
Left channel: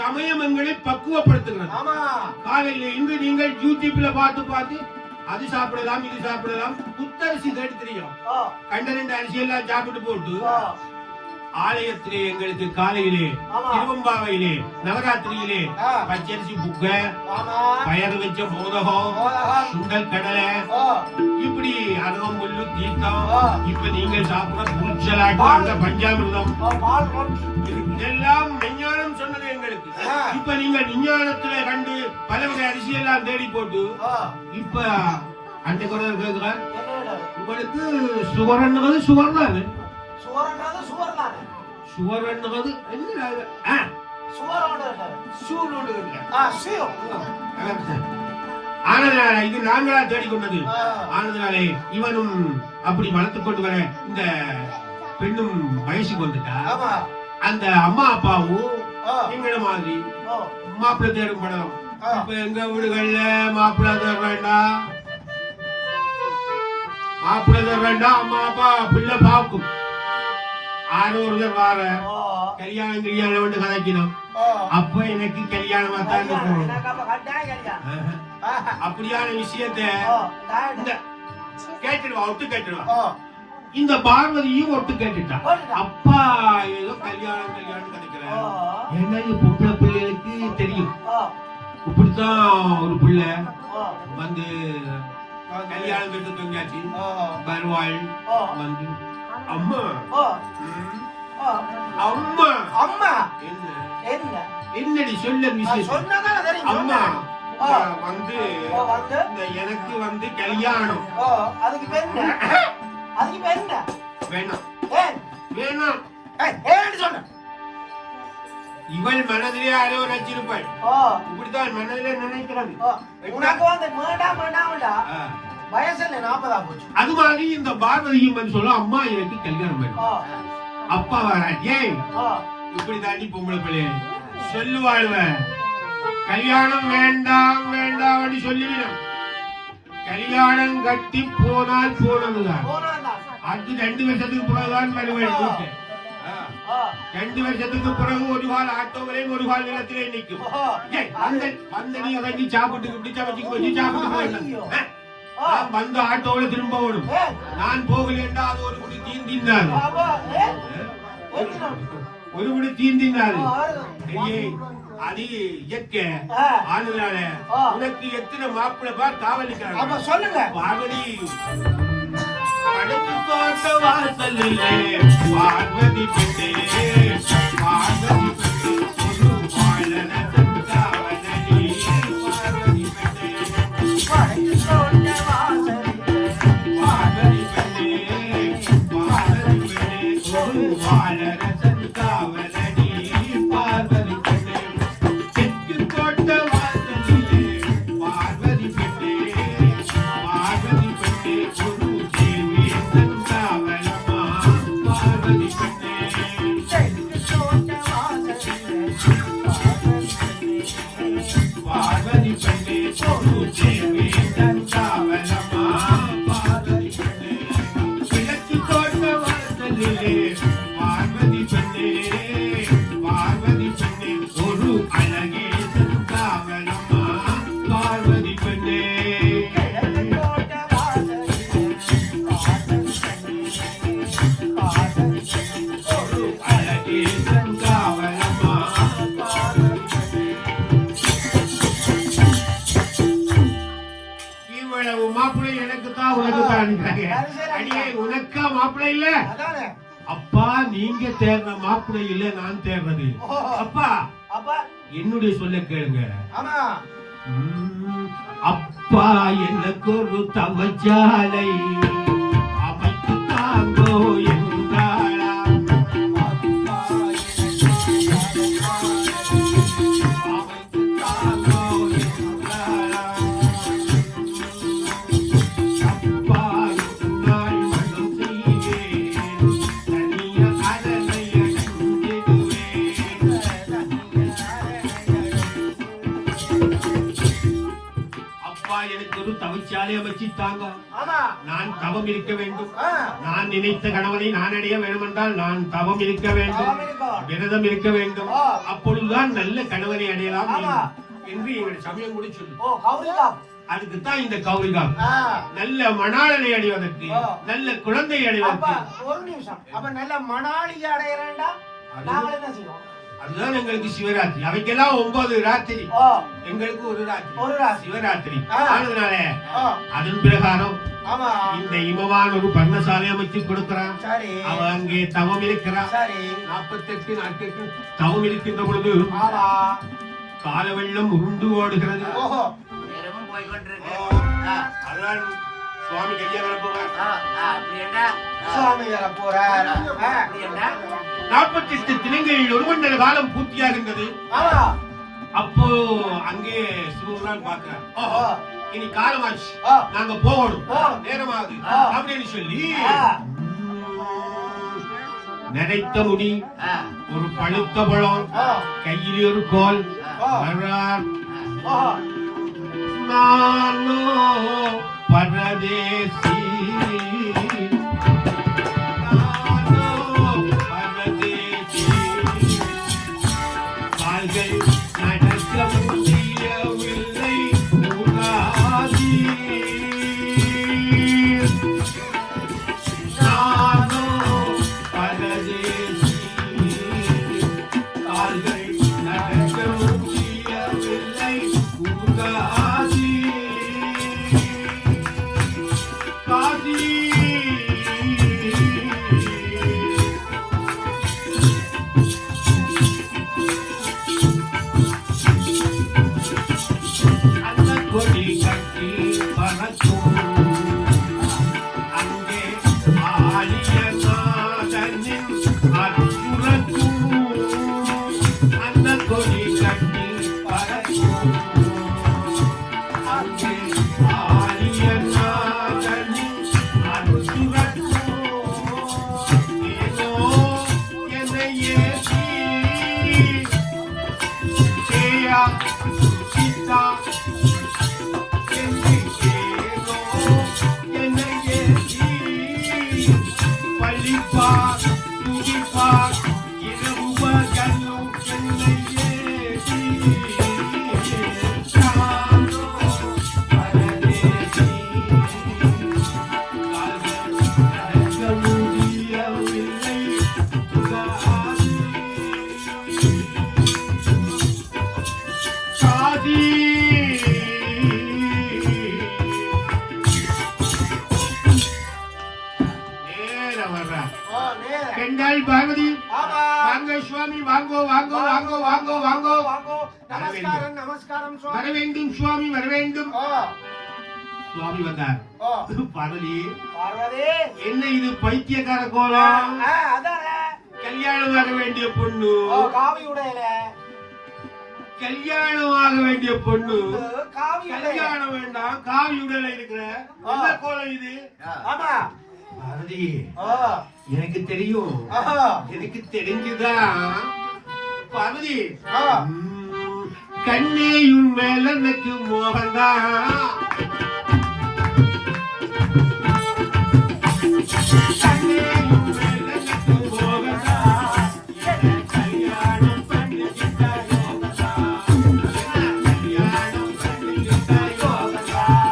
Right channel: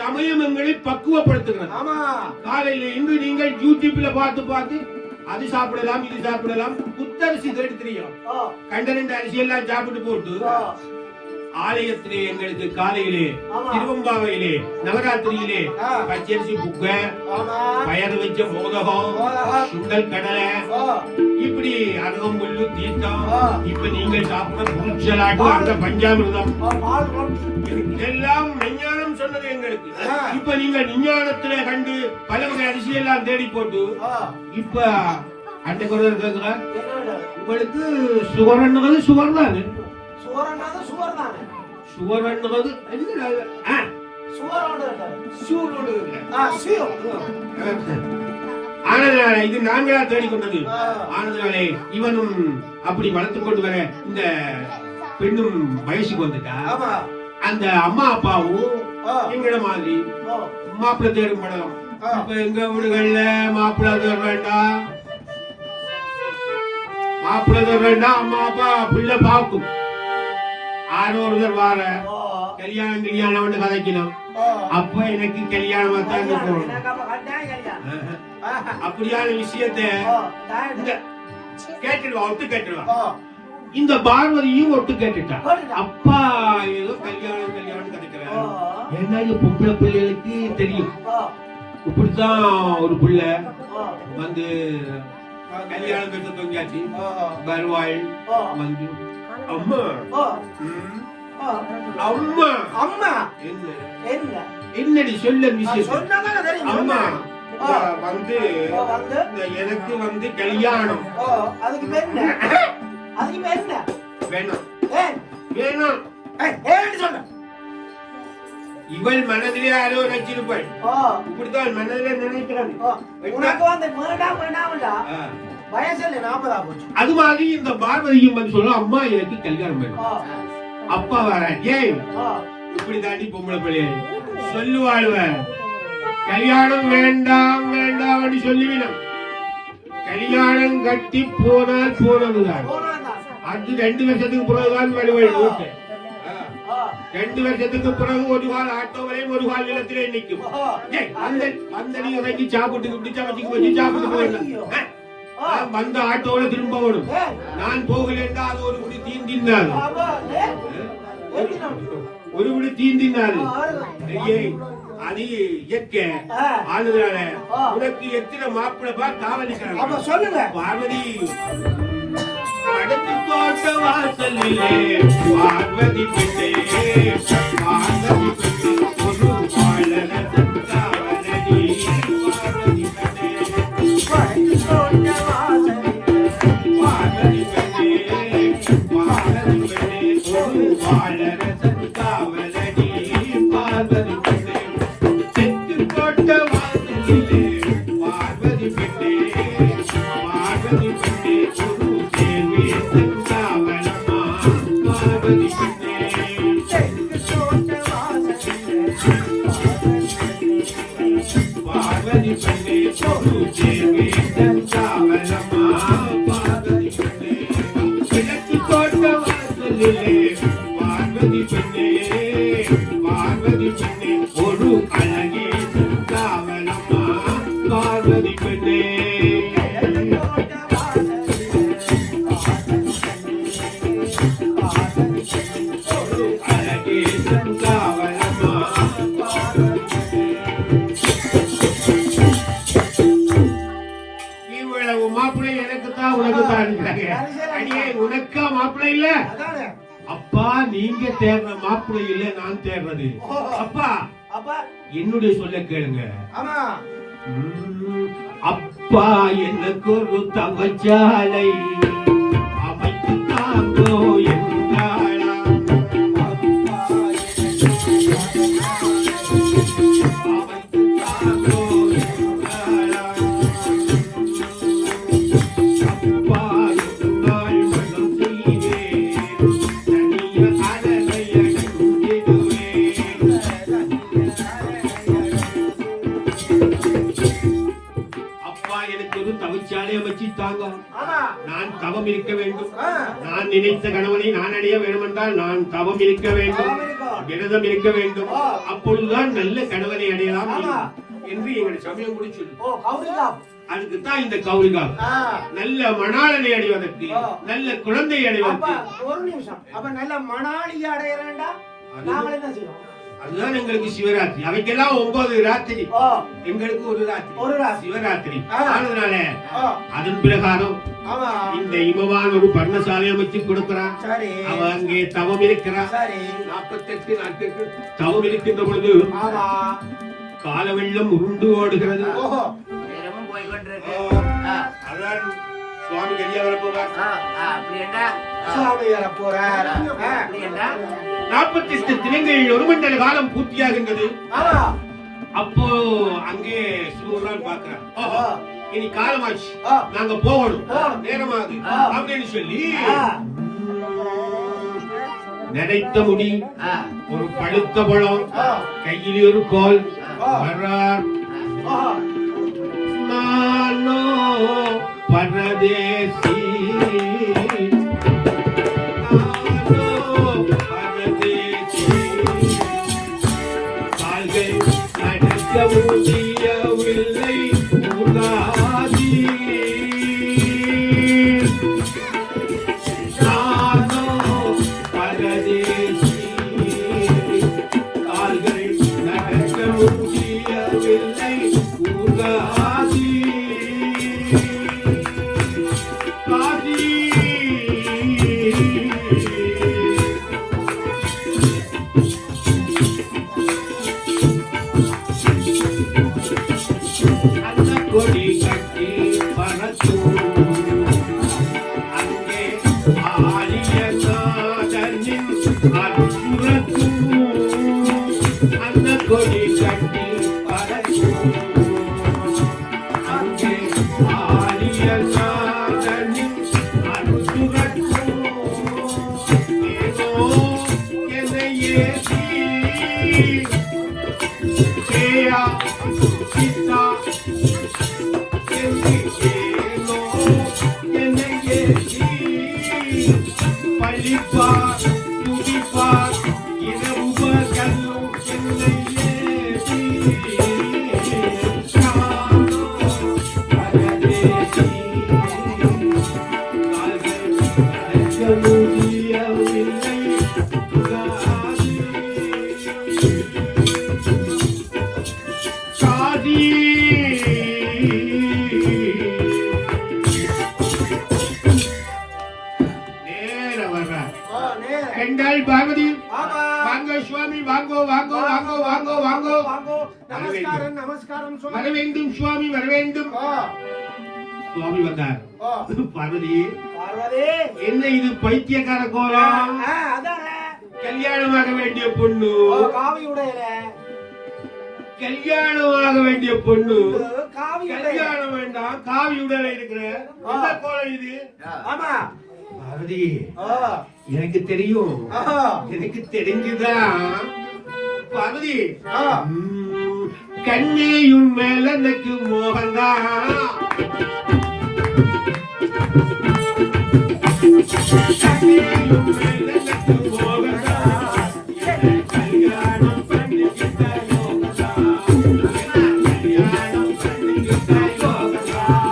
சமயம் எங்களை பக்குவப்படுத்துகிறது. காலையில இன்று நீங்கள் யூடியூப்ல பார்த்து அது சாப்பிடலாம், இது சாப்பிடலாம். புத்தரிசி தெரியும், கண்டனண்ட அரிசி எல்லாம் சாப்பிட்டு போட்டு ஆலயத்திலே எங்களுக்கு காலையிலே திருவம்பாவையிலே நவராத்திரியிலே பச்சரிசி புக்க, பயறு வச்ச மோதகம், சுண்டல் கடலை, இப்படி அருகம்புல்லு தீர்த்தம், இப்ப நீங்கள் சாப்பிட புருஷலாட்டு அந்த பஞ்சாமிர்தம் எல்லாம் விஞ்ஞானம் சொன்னது எங்களுக்கு. இப்ப நீங்கள் விஞ்ஞானத்திலே கண்டு பல வகை அரிசி எல்லாம் தேடி போட்டு இப்ப அந்த குரல் கேட்கிறார். உங்களுக்கு சுவர்ன்றது சுவர் தானே, இது நாங்களா தேடிக்கொண்டது. ஆனதுனாலே இவனும் அப்படி வளர்த்து கொண்டு வர இந்த பெண்ணும் வயசுக்கு வந்துட்டா. அந்த அம்மா அப்பாவும் எங்கட மாதிரி மாப்பிள்ளை தேடும் படலாம். இப்ப எங்க வீடுகள்ல மாப்பிள்ளை தேட வேண்டாம், மாப்பிள்ளை தேட வேண்டாம். அம்மா அப்பா பிள்ளை பார்க்கும். 600 வார கல்யாணம் வந்து கதைக்கணும். அப்ப எனக்கு கல்யாணமா தான் இருக்கணும். அப்படியான விஷயத்தை கேட்டுடுவா, ஒட்டு கேட்டுடுவா. இந்த பார்வதியும் ஒட்டு கேட்டுட்டா. அப்பா ஏதோ கல்யாணம் கதைக்கிறார். என்ன பொம்பளை பிள்ளைகளுக்கு தெரியும். இப்படித்தான் ஒரு பிள்ளை வந்து கல்யாணம் பெற்று தொங்கியாச்சு வருவாள் வந்து அம்மா அம்மா அம்மா என்ன என்ன என்னடி சொல்ல விஷயம் சொன்னதானே தெரியும் அம்மா வந்து எனக்கு வந்து கல்யாணம் அதுக்கு என்ன அதுக்கு என்ன வேணாம் வேணாம் வேணாம் சொன்ன இவள் மனதிலே ஆலோ நினைச்சிருப்பாள் இப்படித்தான் மனதிலே நினைக்கிறாங்க உனக்கு வந்து வேண்டாம் வேண்டாம்டா வயசுல 40 போச்சு அது மாதிரி இந்த பார்வதியும் வந்து சொல்லும் அம்மா எனக்கு கல்யாணம் வேணும் அப்பா வர ஏய் இப்படி தாண்டி பொம்பளை பிள்ளைய சொல்லுவாழ்வ கல்யாணம் வேண்டாம் வேண்டாம் அப்படி சொல்லிவிடும் கல்யாணம் கட்டி போனால் போனதுதான் அது 2 வருஷத்துக்கு பிறகுதான் மறுபடி 2 வருஷத்துக்கு பிறகு ஒரு கால் ஆட்டோவிலையும் ஒரு கால் நிலத்திலே நிற்கும் அந்த நீ இறங்கி சாப்பிட்டு இப்படி சமைச்சு வச்சு சாப்பிட்டு போயிடணும் வந்த ஆட்டோவில திரும்ப ஓடும் நான் போகல என்றால் அது ஒரு குடி தீந்தினார் ஒரு குடி தீந்தினார் அது இயற்கை ஆளுதான உனக்கு எத்தனை மாப்பிள்ளை பார் காவலிக்கிறாங்க சொல்லுங்க பார்வதி படுத்து போட்ட வாசலிலே பார்வதி பிள்ளை பார்வதி பிள்ளை ஒரு பாடல காவலி பார்வதி உனக்கா மாப்பிள்ளை இல்ல அப்பா நீங்க தேடுற மாப்பிள்ளை இல்ல நான் தேடுறது அப்பா என்னுடைய சொல்ல கேளுங்க அப்பா எனக்கு ஒரு தவச்சாலை அமைத்து தாங்கோ என்றாளா நான் தவம் இருக்க வேண்டும் நான் நினைத்த கணவனை நான் அடைய வேண்டும் என்றால் நான் தவம் இருக்க வேண்டும் விரதம் இருக்க வேண்டும் அப்பொழுதுதான் நல்ல கணவனை அடையலாம் என்று எங்கள் சமயம் முடிச்சு அதுக்கு தான் இந்த கௌரிகா நல்ல மணாளனை அடைவதற்கு நல்ல குழந்தை அடைவதற்கு ஒரு நிமிஷம் அப்ப நல்ல மணாளி அடையறேன்டா நாம என்ன செய்வோம் அதுதான் எங்களுக்கு சிவராத்திரி அவைக்கெல்லாம் 9 ராத்திரி எங்களுக்கு ஒரு ராத்திரி சிவராத்திரி அதனால அதன் பிரகாரம் இந்த இமவான் ஒரு பர்ணசாலை அமைச்சு கொடுக்கிறான் அவ அங்கே தவம் இருக்கிறான் 48 நாட்களுக்கு தவம் இருக்கின்ற பொழுது கால வெள்ளம் உருண்டு ஓடுகிறது அதான் சுவாமி வெளியே வர போவார் சுவாமி வர போறார் 48 தினங்களில் ஒரு மண்டல காலம் பூர்த்தியாகின்றது அப்போ அங்கே சிவருமான் பார்க்கிறார் இனி காலமாச்சு நாங்க போகணும் நேரமாகுது அப்படின்னு சொல்லி நினைத்த முடி ஒரு பழுத்த பழம் கையில் ஒரு கோல் வர்றார் நானோ பரதேசி என்னை ஏசி ஏயா சித்தா என்னை ஏனோ என்னை ஏசி பழிப்பா துதிப்பா இரவுப கண்ணு என்னை ஏசி கண்டாய் பாரதி வாங்க சுவாமி வாங்கோ வாங்கோ வாங்கோ வாங்கோ வாங்கோ நமஸ்காரம் நமஸ்காரம் வர சுவாமி வேண்டும் சுவாமி வர வேண்டும் சுவாமி வந்தார் பார்வதி பார்வதி என்ன இது பைத்தியக்கார கோலம் அதானே கல்யாணமாக வேண்டிய பொண்ணு காவி உடையில கல்யாணமாக வேண்டிய பொண்ணு காவி கல்யாணம் வேண்டாம் காவி உடல இருக்கிற என்ன கோலம் இது ஆமா பார்வதி எனக்கு தெரியும் எனக்கு தெரிஞ்சுதான் பார்வதி கண்ணியும் மேல எனக்கு மோகன்தான் கண்ணியும் மேல எனக்கு மோகன்தான் கல்யாணம் பண்ணிக்கிட்டா யோகதான் கல்யாணம் பண்ணிக்கிட்டா யோகதான்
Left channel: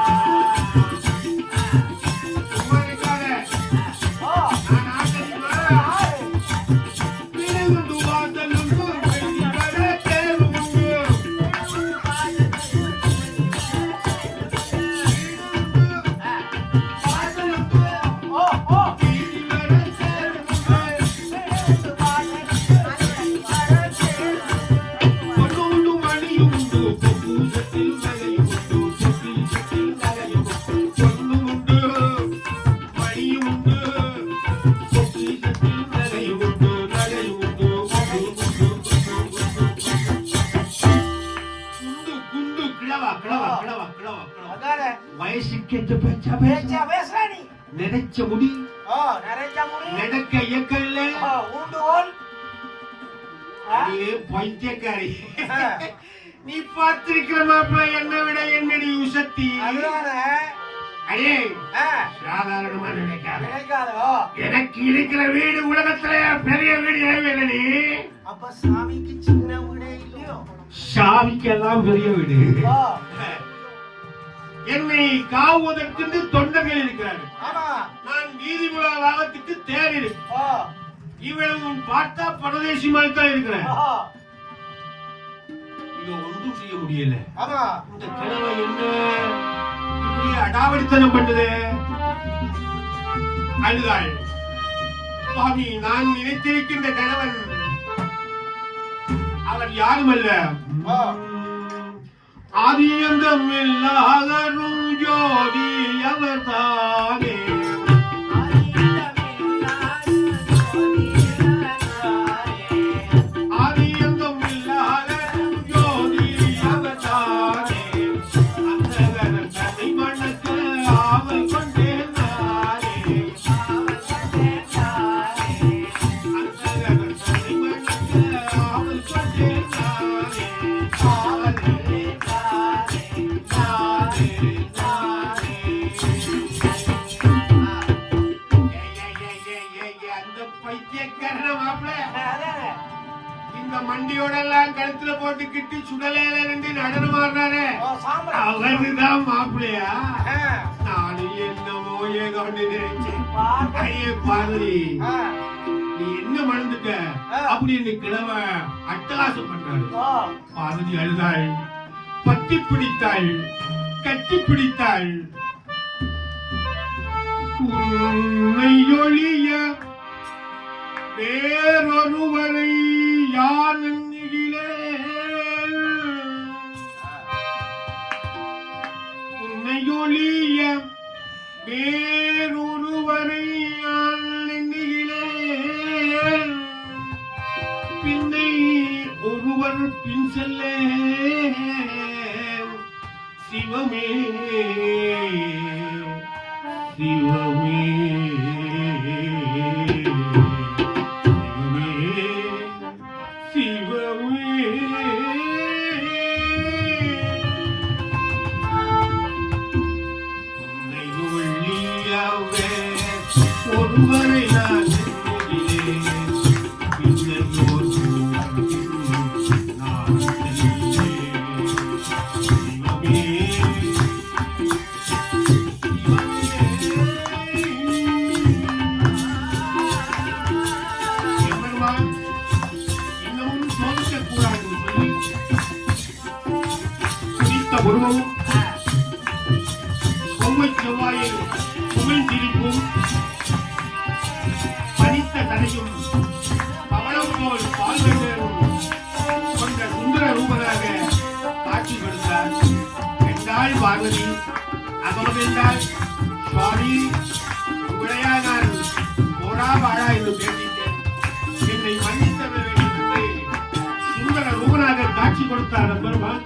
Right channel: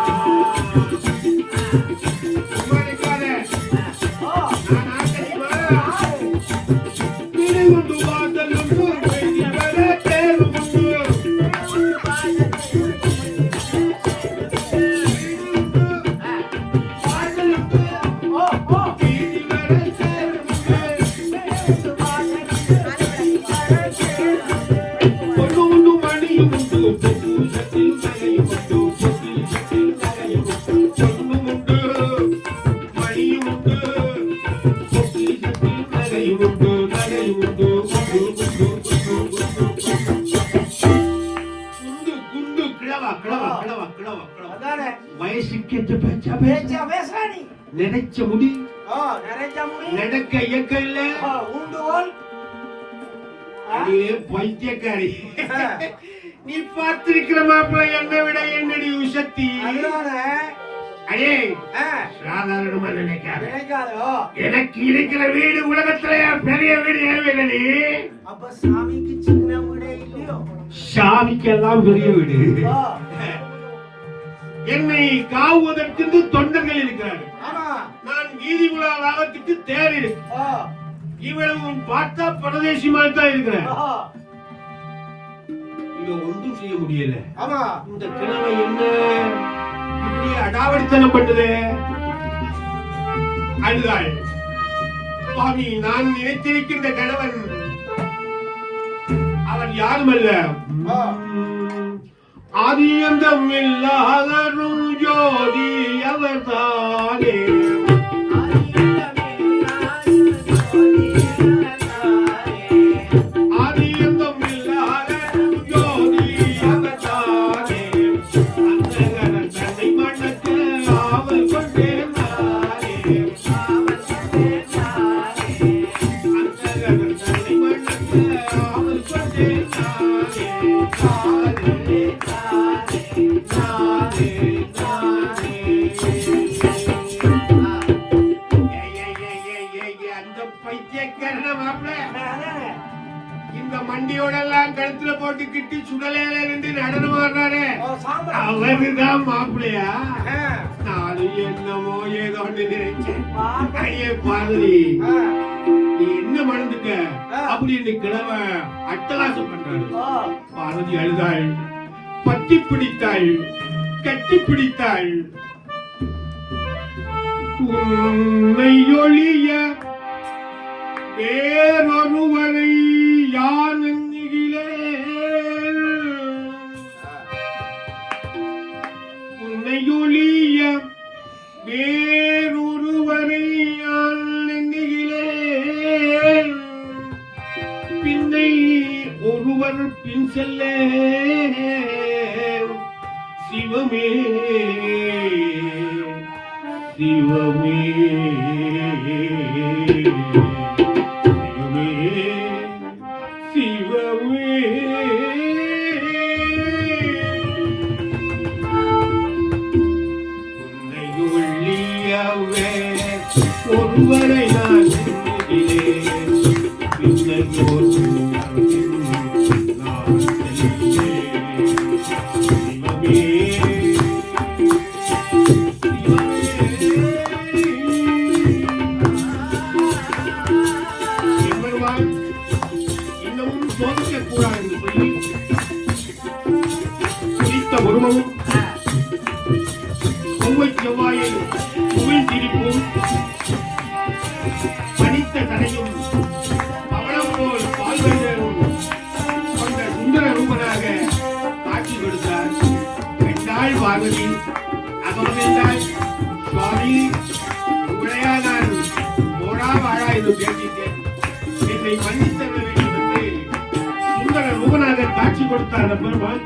குமாரிக்காரே நான் ஆசைமா இதை கொண்டு வாதல் கொண்டு வைத்திவர தேர்வு பொண்ணு மணியும் உண்டு பொன்னூசத்தில் நகையும் உண்டு பொன்னூசத்தில் நகையும் உண்டு பொண்ணு உண்டு மணியும் உண்டு பொன்னூசத்தில் நகையும் உண்டு நகையும் உண்டு குண்டு கிழவா கிழவா கிழவா கிழவா அதானே வயசுக்கேற்ற பேச்சா பேசுறா நீ நினைச்ச முடி நிறைய முடி நடக்க இயக்கல்ல ஊண்டுகோல் அடியே பைத்தியக்காரி நீ பார்த்திருக்கிற மாப்பிள்ள என்னை விட என்னடி உசத்தி அடே சாதாரணமா நினைக்காத நினைக்காதோ எனக்கு இருக்கிற வீடு உலகத்துல பெரிய வீடு ஏன் அப்ப சாமிக்கு சின்ன வீடே இல்லையோ சாமிக்கெல்லாம் பெரிய வீடு என்னை காவுவதற்கு தொண்டர்கள் இருக்கிறார்கள் ஆமா நான் வீதி உலா வாகத்துக்கு தேர் இருக்கு இவ்வளவும் பார்த்தா பரதேசி மாதிரி தான் இருக்கிறேன் இத ஒன்றும் செய்ய முடியல ஆமா இந்த கிழமை என்ன இப்படி அடாவடித்தனம் பண்ணுது அழுதாள் சுவாமி நான் நினைத்திருக்கின்ற கணவன் அவன் யாருமல்ல ஆதியந்தம் இல்லாதரும் ஜோதி அவர்தானே ஆதியந்தம் இல்லாதரும் ஜோதி அவர்தானே அந்தகரன் தன்னை மனத்து ஆவல் கொண்டேன் நானே அந்தகரன் தன்னை மனத்து ஆவல் கொண்டேன் அந்த பைத்தியக்காரன மாப்பிள்ள இந்த மண்டியோட எல்லாம் கழுத்துல போட்டுக்கிட்டு சுடலையில இருந்து நடனம் ஆடுறாரு அவருதான் மாப்பிள்ளையா நானும் என்னமோ ஏதோ நினைச்சேன் ஐயே பார்வதி நீ என்ன மறந்துட்ட அப்படின்னு கிழமை அட்டகாசம் பண்றாரு பார்வதி அழுதாள் பத்தி பிடித்தாள் கட்டி பிடித்தாள் உன்னை ஒழிய வேறொருவரை யார் எண்ணுகிறேன் உன்னை ஒழிய வேறொருவரை யார் எண்ணுகிறேன் பின்னை ஒருவர் பின் செல்ல சிவமே சிவமே என்று பேசிட்டேன். என்னை மன்னித்தருள வேண்டும் என்று சுந்தர ரூபநாதர் காட்சி கொடுத்தார் பெருமாள்.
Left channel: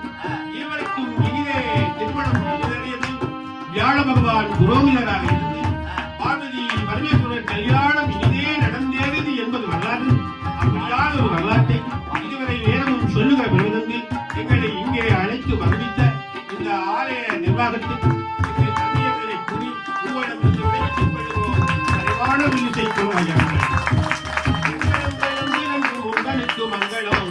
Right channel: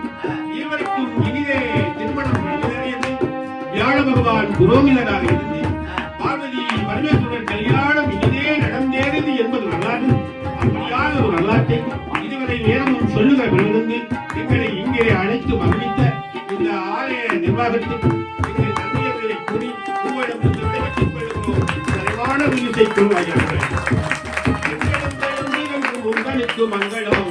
இவருக்கும் இனிதே திருமணம் நிறைவேறியது. வியாழ பகவான் புரோகிதராக இருந்து பார்வதி பரமேஸ்வரன் கல்யாணம் இனிதே நடந்தேறது என்பது வரலாறு. அப்படியான ஒரு வரலாற்றை இதுவரை நேரமும் சொல்லுக வேண்டும். எங்களை இங்கே அழைத்து மகிழ்ந்த இந்த ஆலய நிர்வாகத்தில் எங்கள் தந்தையர்களை கூறி உங்களிடம் தெரிவித்துக் கொள்கிறோம். நிறைவான வில்லிசை கொள்வார்கள். உங்களுக்கு மங்களம்